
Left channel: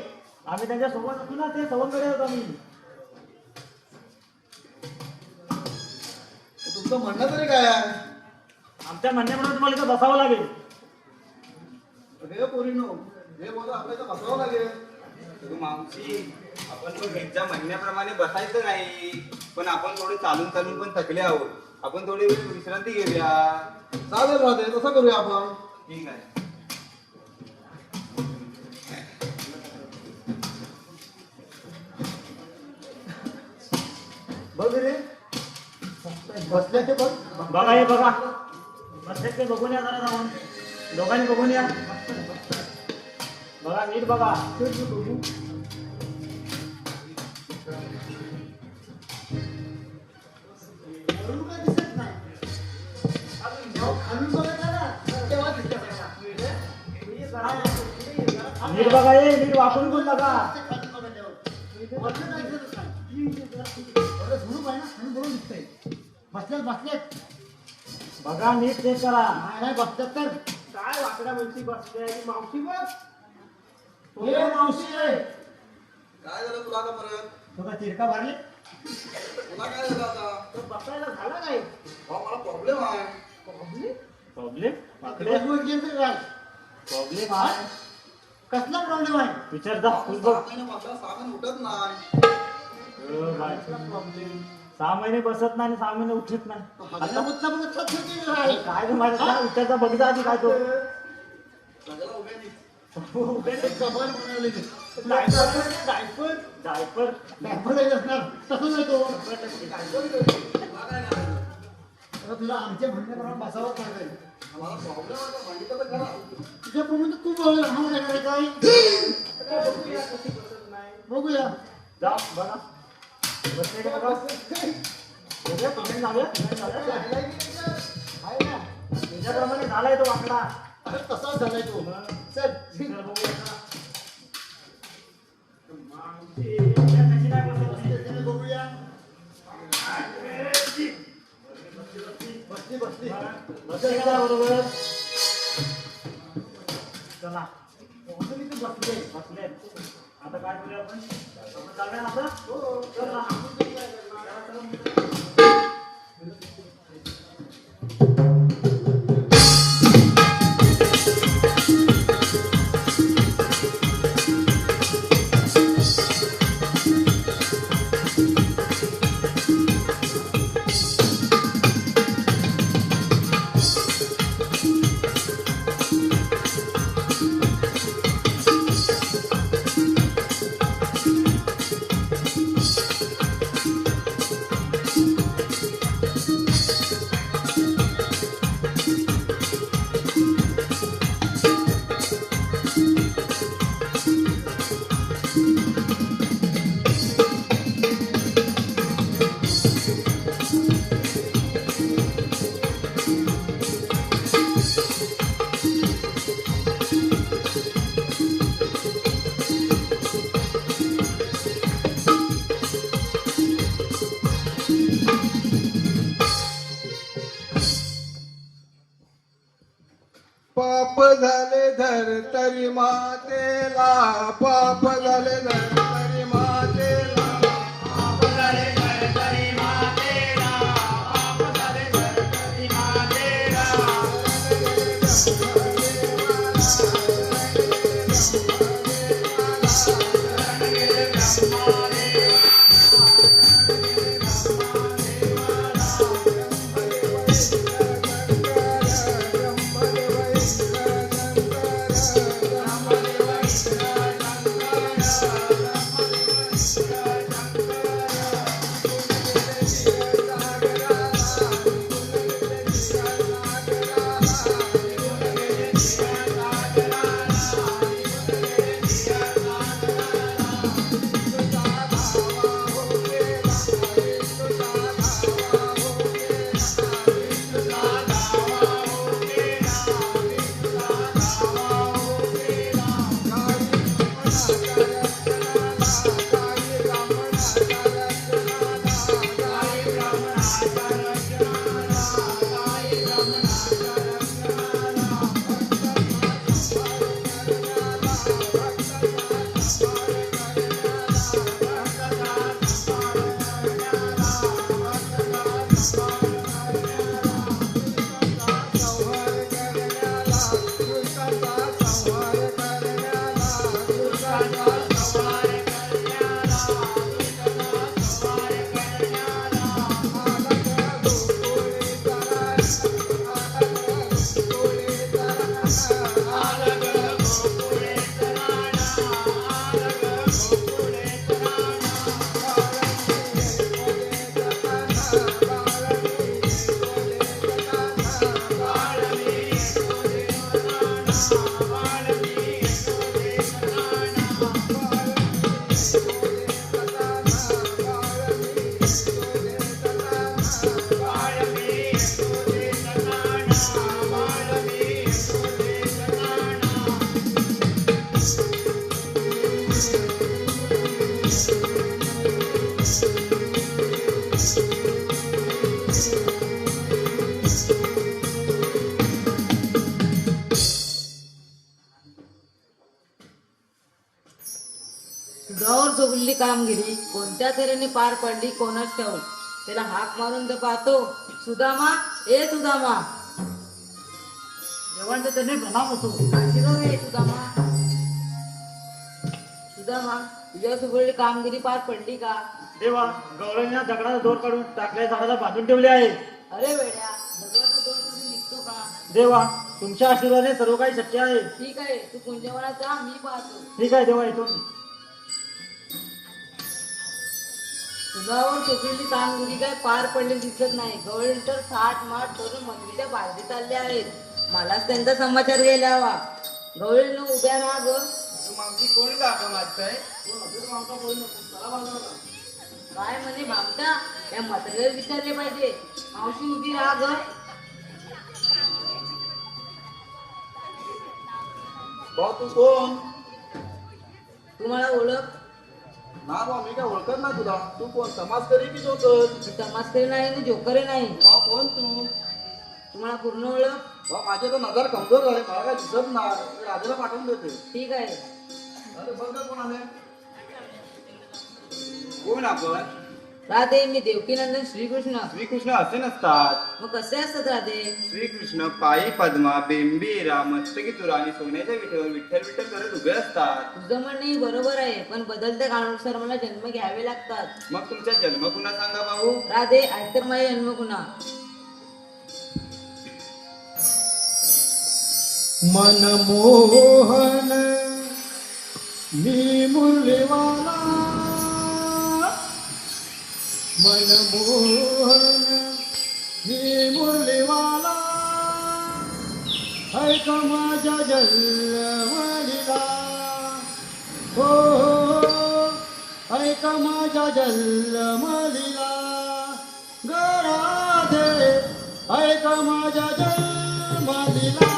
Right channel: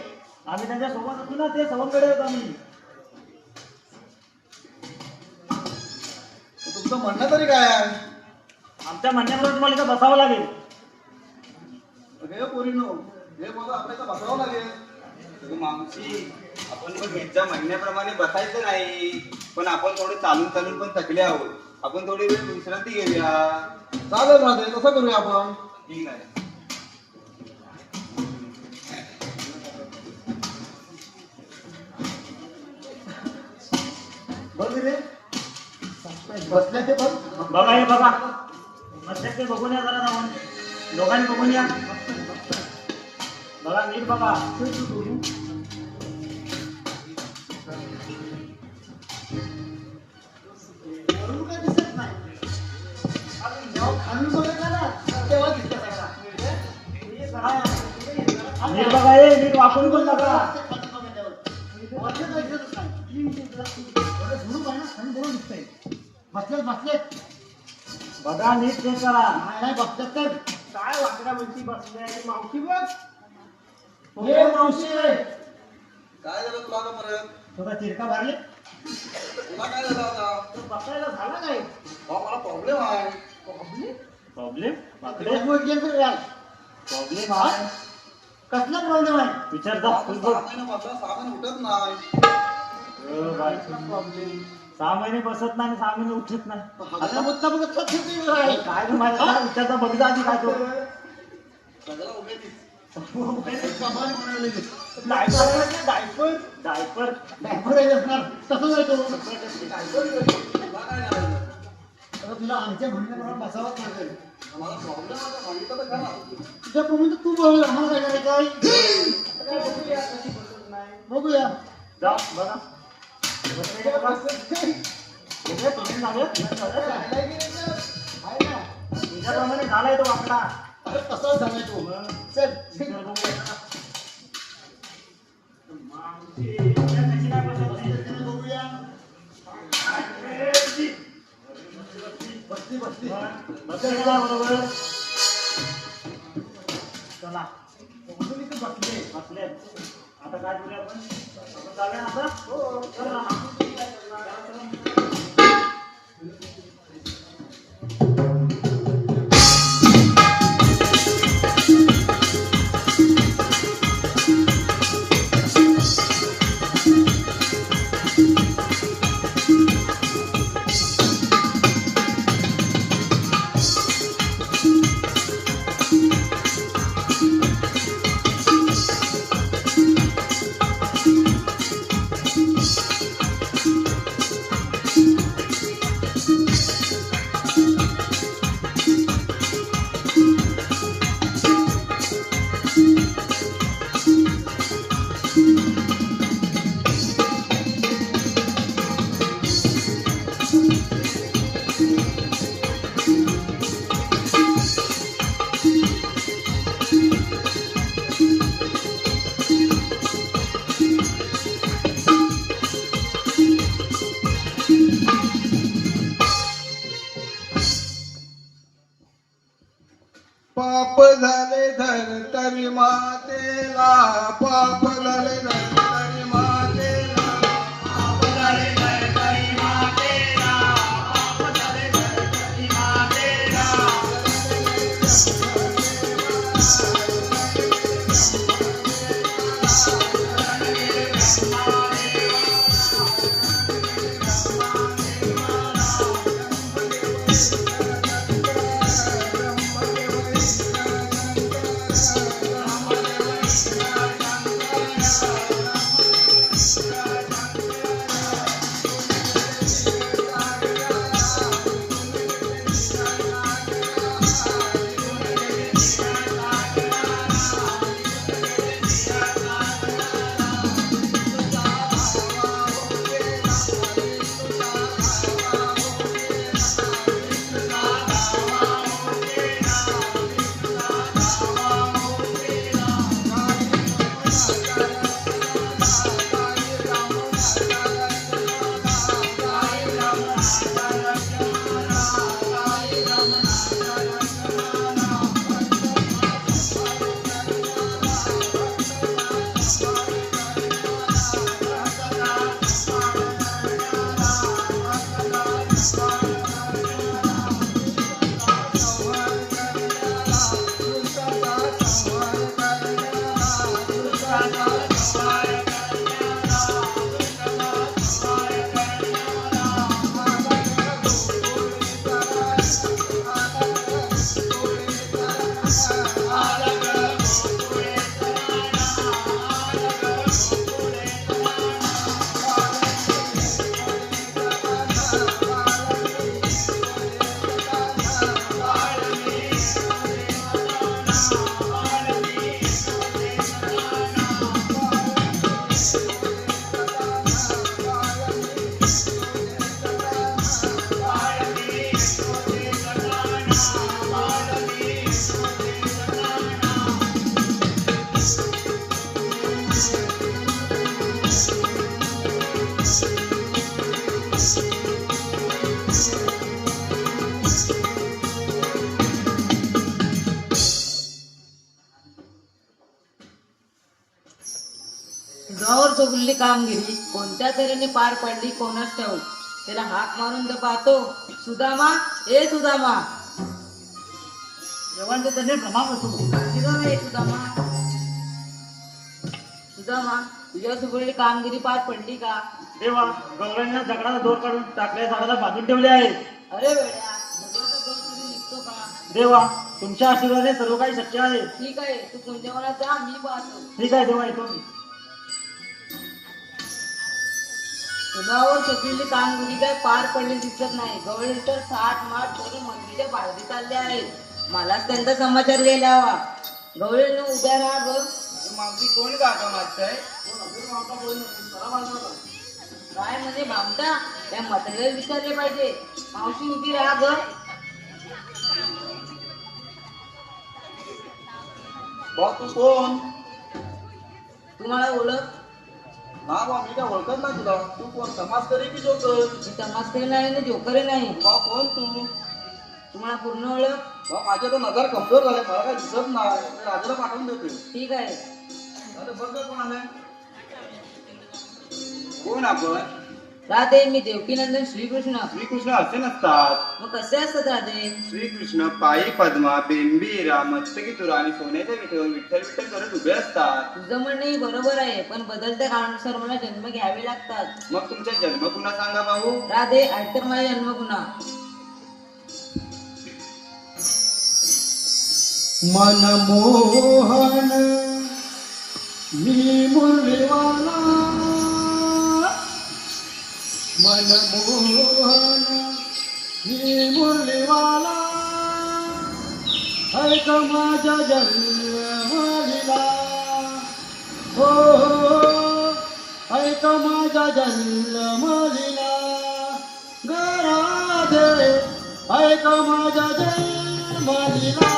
आम्ही त्यांच्या सोबत होतो ना, ते सवंगडी आहोत आम्ही. तुमचं म्हणणं तरी काय आहे? आमच्या म्हणण्याप्रमाणे तुम्हाला इथं बसावं लागेल. हे पोरींनो, हे मला आपल्याला बसावं लागेल. अगं मावशी, आपण मग यांच्या म्हणण्याप्रमाणे बसायचं नाही, पण आपण थोडे चालून चालून पण थकले आहोत. आपण थोडी वेळ विश्रांती घेऊया. चालेल राहते, तसं करूया आपण. ठीक आहे. बघ रे बसले ते बघ बघा हे बघा, मस्त ते बघून या जरा जाऊन. दोघांनी बघून या. बघा नीट बघा. वरून काय दिसत नाही जेव्हा खाली बघत आला तेव्हा दिसत आता. नीट बघा, हे नीट वापरून पण बघा. खाली बघितल्यावर. वरती काय दिसतच नाही. बरं, झुणूक आहे ना, खाली बरोबर दिसतंय. बसलेत बघा नीट चेक करा. नाही बसतात तर काय वाकड्या म्हणती बसले मावशी बघ. हे मावशी काय झालं तुला आता परत? थोडा चिरका भरले तुला काय झालं आता? बसायला झाला काय अहो, मला प्रॉब्लेम आहे. प्रॉब्लेम? प्रॉब्लेम आहे. कसला प्रॉब्लेम आहे विचार जा. आपण तू बघ. 6 महिन्यापासून 6 महिने उठत नाही. बाय. 6 महिने बसत नाही आणि 6 महिने उठत नाही. आता मुद्दा बघत का किती वेळ आहे? काय गं माझ्या काय विचार जा, बघ जा आधी काय तो. सगळं उभे कमाल म्हणाले ते. डायपर डायपर डायपर आहे असणार. तसंच आहे तो. आता तुला आमच्या म्हणण्याप्रमाणे बसावंच लागेल. मला प्रॉब्लेम होता सांगितलं तर खरा. तुझ्याप्रमाणे तर तू बोल आम्हाला काय करायचं आहे? बघूया जा बघा. तुझ्याप्रमाणे झालाय तो वाकडा. अरे तसाच झालाय तो. चल बघूया. बसली बसली बरोबर. चला बसली तर बसली. बसले. आता काय करूया आपण? आपण जाऊया ना आता? चला. पाप झाले धर तरी मातेला, पाप झाले धर तरी मातेला, पाप झाले धर तरी मातेला, पाप झाले धर तरी मातेला. गौर चोगली कामगिरी कोणत्या तऱ्हेने पार पडली कोणास ठाऊक. त्याला हाक मारून तर पाहतो. सुदामा, ए सुदामा. देवांचे त्यांनी प्रणाम असो. सुदामा, ए सुदामा. सुदामा, तुझ्या चोगली कामगिरी पार पडली का? देवा, गवळ्यांना दगडाचा दोर काढून टाकल्या झाडाला बांधून ठेवले आहे. अरे वेड्या, दगडाचा दोर कधी निघतो का? देवा, तुमच्या आशीर्वादाने सर्व काही शक्य आहे. ठीक आहे, तू कुंजवनात जा, मी पाहतो. ठीक आहे देवा, येतो मी. सुदावर चोगली कामगिरी काय पार पडले दिसत नाही. गवळी तर 60 माठ करून मंदिराच्या बाहेर चालले आहेत. मलाच त्यांचा समाचार घ्यायला हवा. गवळीने उद्या राहा बघ. मावशी कोण काका माझं काय म्हणे भामटा, त्या म्हातारीला विचारले पाहिजे. मावशी उभी राहा ग. बा तू कोण? तुम्हाला ओळख? ना बा मी काय ओळखत ना तुला. तू कोण, समाजकरी की जोकर? मी तमासकरी नाही ना जोकरी नाही. बा कोण तू? तुम्हाला पूर्ण ओळख? बा माझ्या तर नजर कमजोर झाले, मला काय दिसत नाही. मी राजूला पाठवून देते. ठीक आहे. अरे बघ गं कोण आलंय. कोण आपण? राधे, मी देवकीनंदन श्रीकृष्ण. श्रीकृष्ण असे नसतात. मग कसे असतात राधे? श्रीकृष्ण पायी पद्मा, बेंबीरा, मस्तकी तुरा आणि सोन्याच्या विठेवर विठ्ठल विठ्ठल करत उभे असतात. तुझं म्हणणंही बरोबर आहे, पण बदलत्या काळानुसार मला जन्म घ्यावे लागतात. मग तुमचा जन्म पुन्हा सांगा भाऊ. राधे, ऐकतर माझा जन्म पुन्हा. मनमोहन मी मूल्यवाना, मनमोहन मी मूल्यवाना, ऐक माझ्या जन्मलीला, हो ऐक माझ्या जन्मलीला, ग राधे ऐक माझ्या जन्मलीला.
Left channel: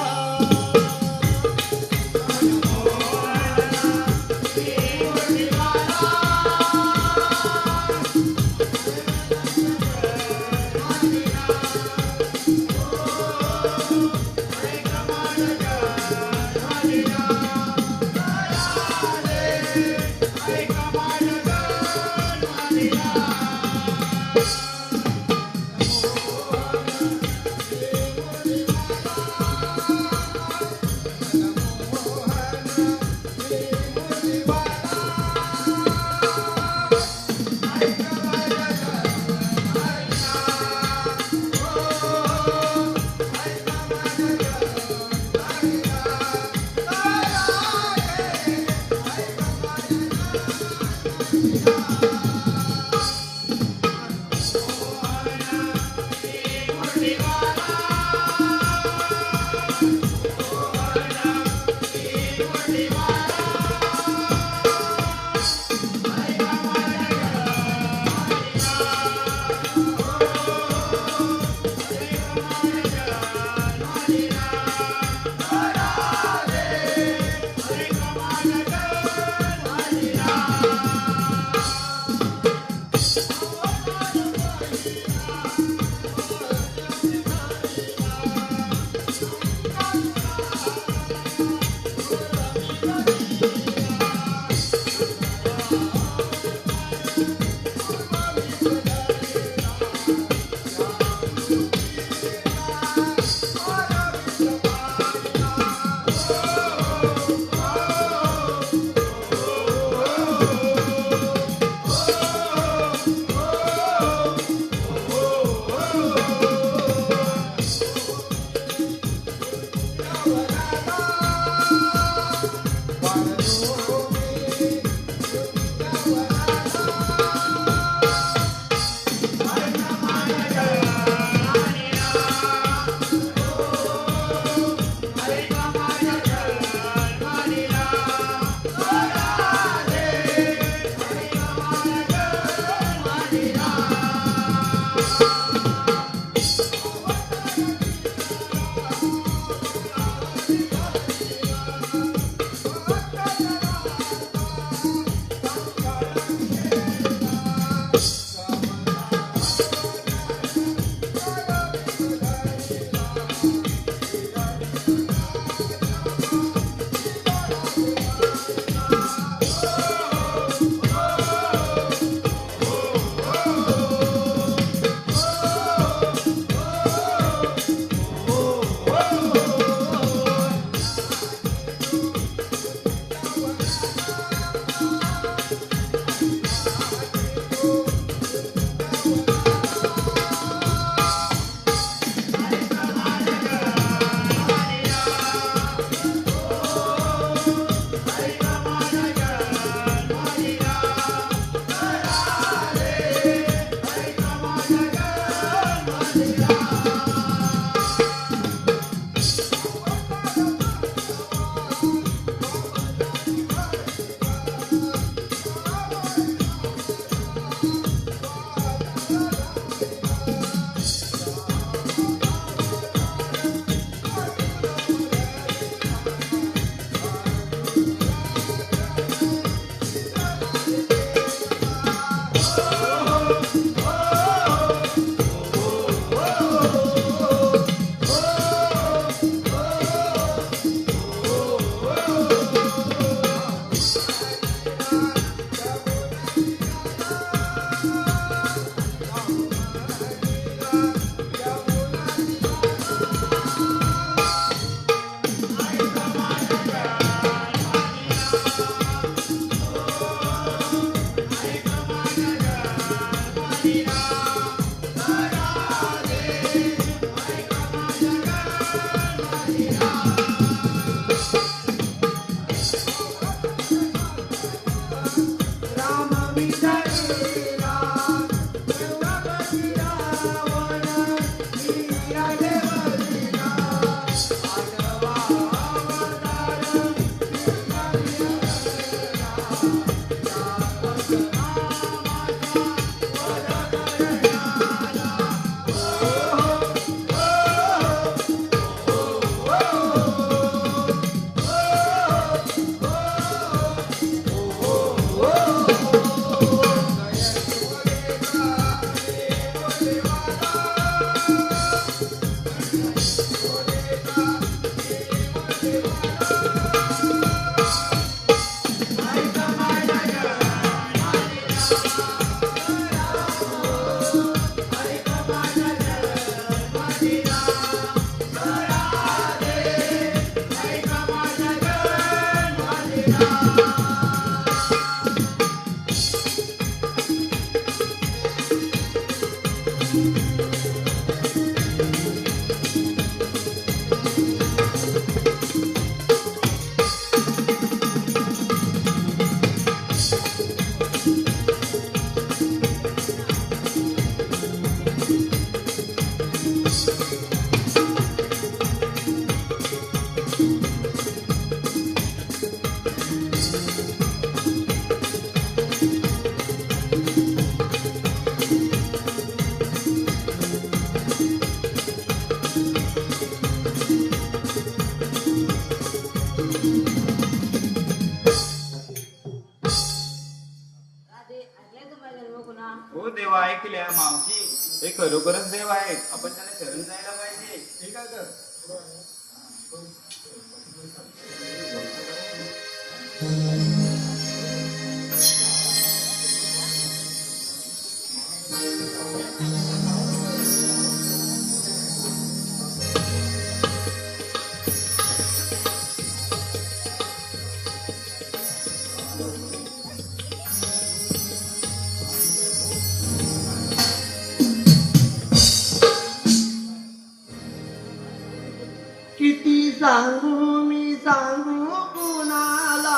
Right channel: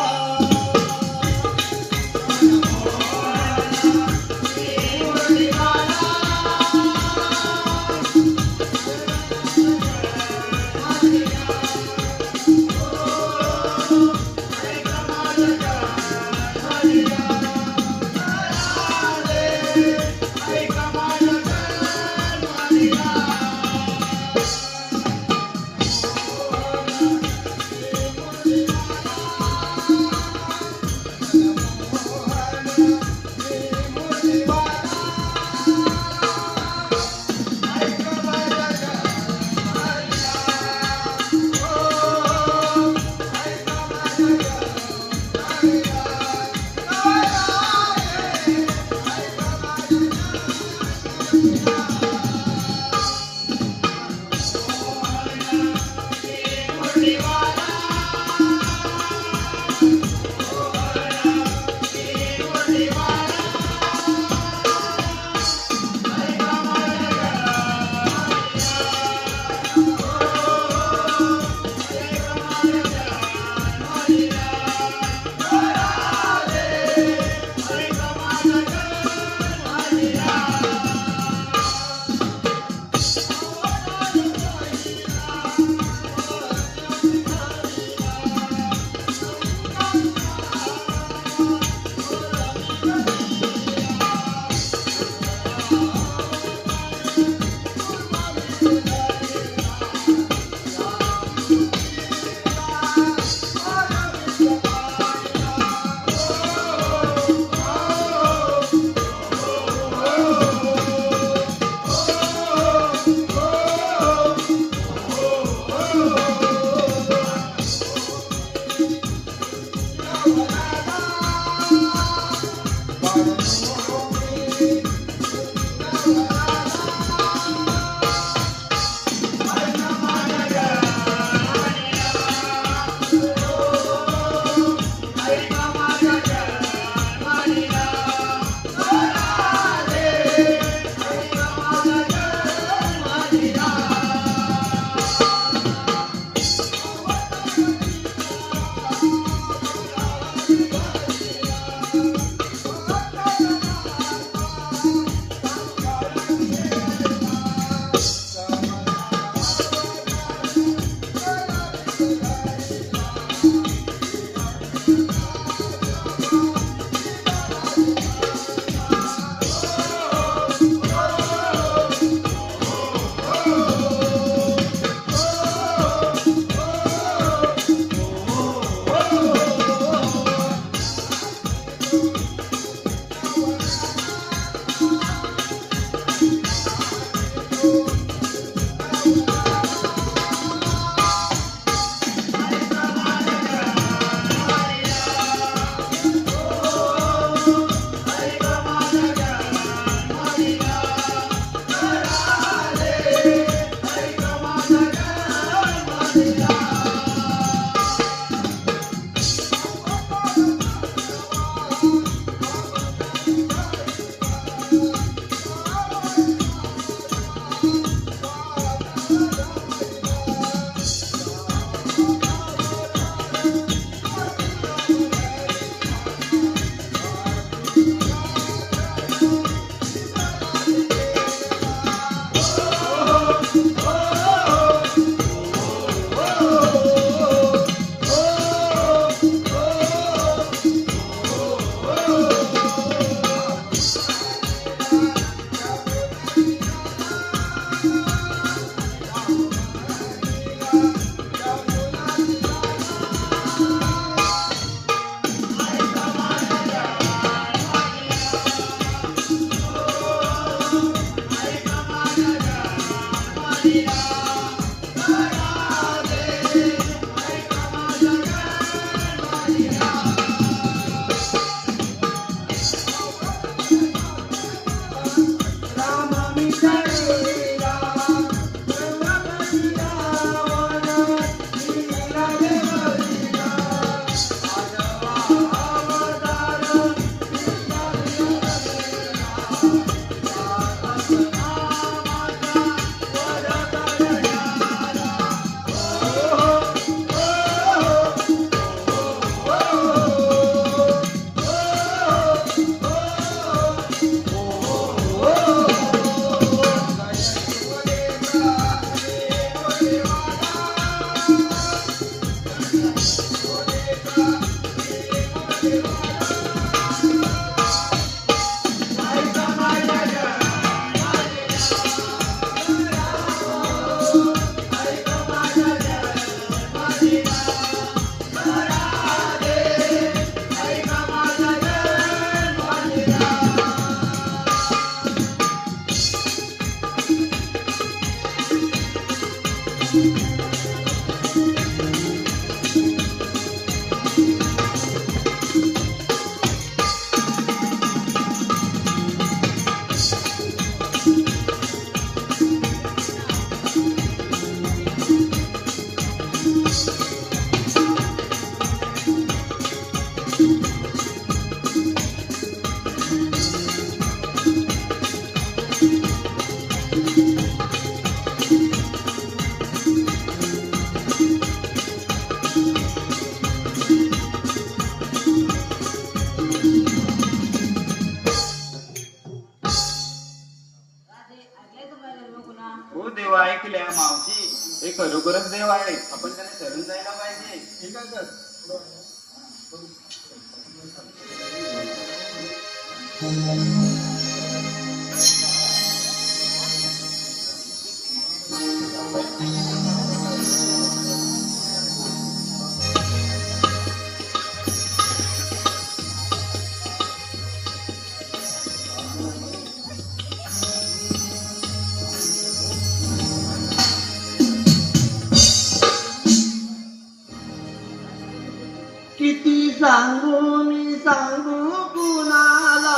देवा हो देवा ऐकल्या मावशी हे खरोखरच देव आहे आपण त्याला शरण जायला पाहिजे. ठीक आहे तर किती सांगू मी सांगू कुणाला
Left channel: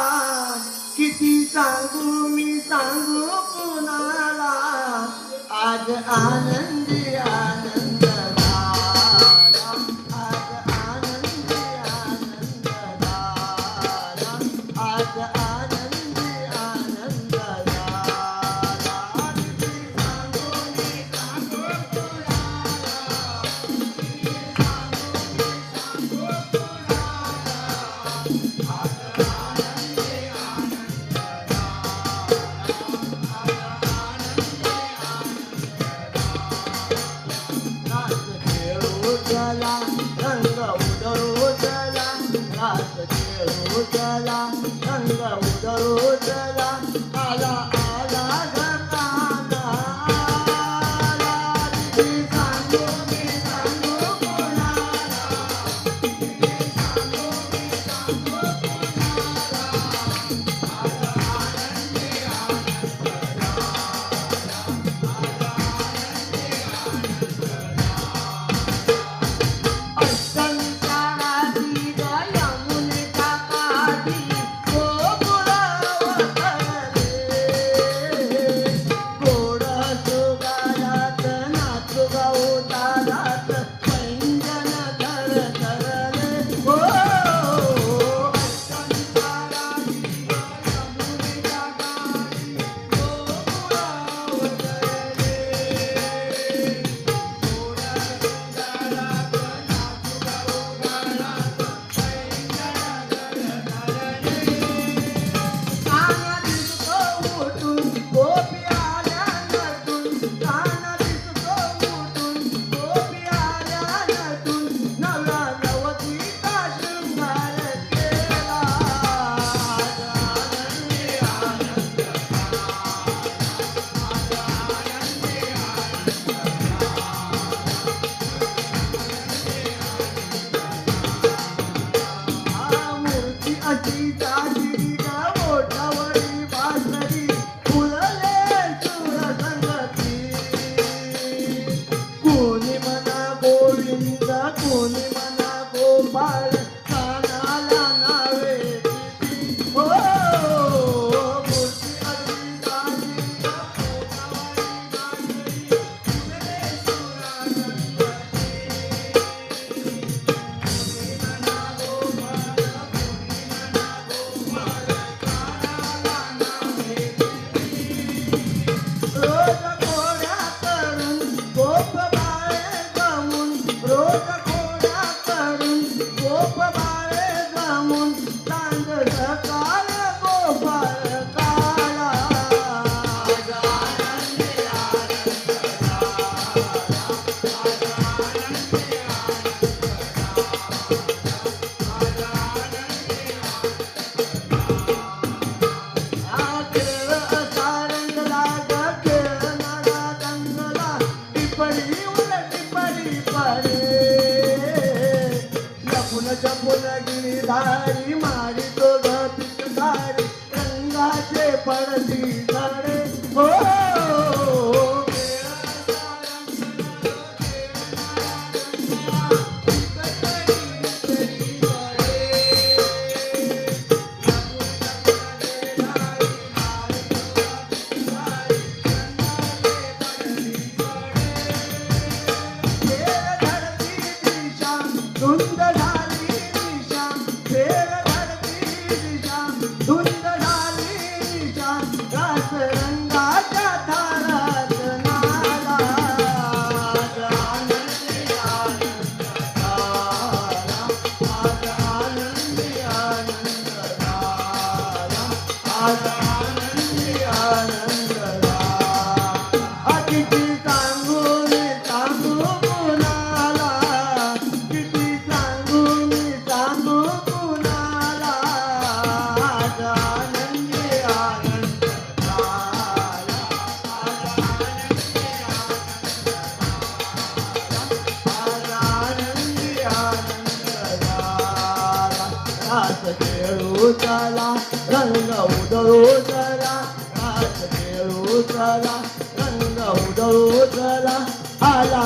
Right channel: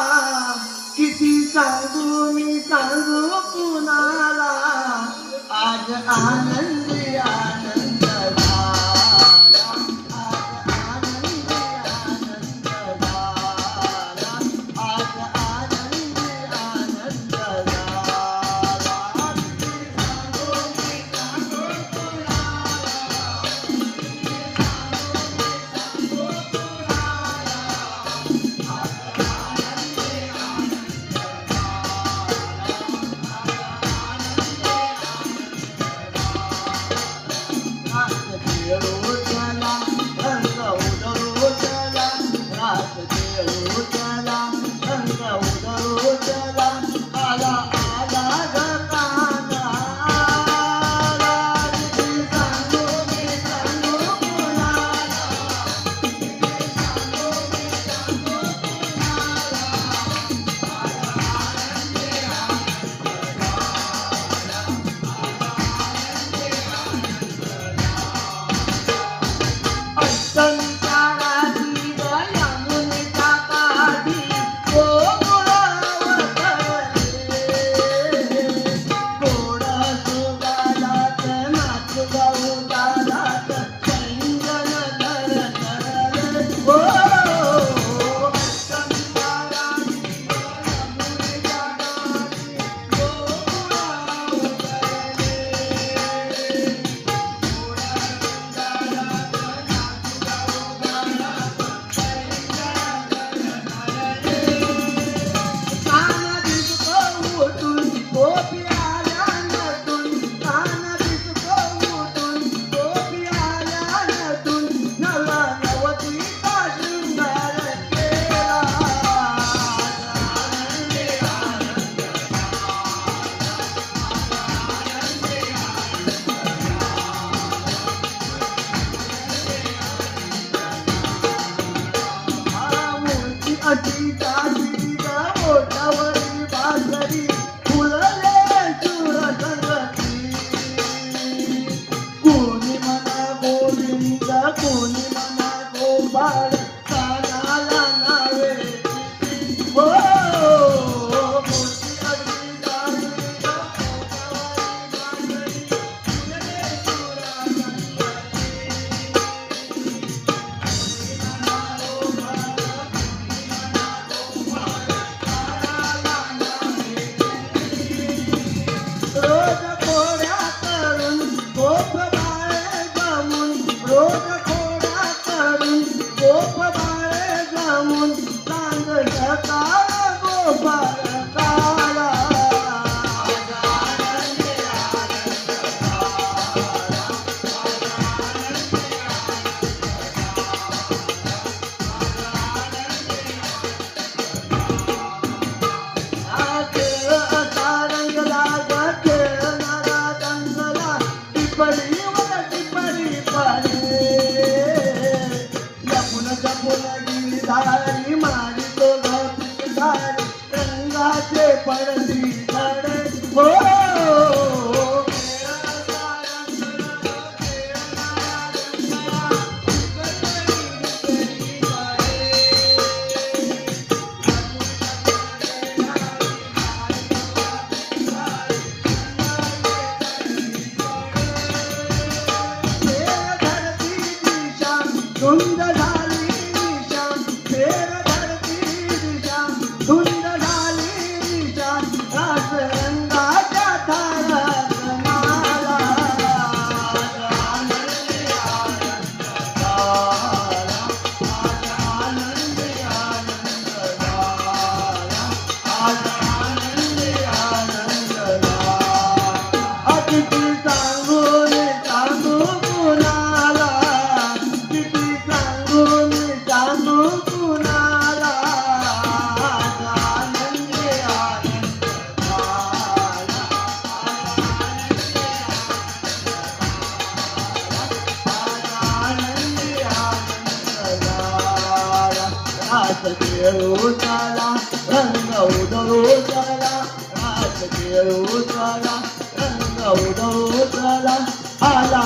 काठी ग बोटावरील बासरी फुलले सुर संगती कोणी म्हणा गोविंद कोणी म्हणा गोपाळ कानाला नावे हो मूर्ती अगदी चांगली ग रोज कोड्या करून गोप बाळे गमून रोज कोड्या करून गोप बाळे गमून सांग सकाळ गोपाळ काळा खेळ असा रंगला ग खेळणारा रंगला टिपडीवर टिपडी पडे लपून चपून गिरधारी मारी तो ग पिचकारी रंगाचे पडती झाडे हो खेळ धरती दिशा धुंद झाली दिशा फेर धरती दिशा धुंद झाली दिशा रास रंगाच्या थारात नाला किती सांगून सांगू कुणाला किती सांगून सांगू कुणाला आनंदी आनंद आनंदी आनंद रास खेळू चला रंग उडवू चला रास खेळू चला रंग उडवू चला आला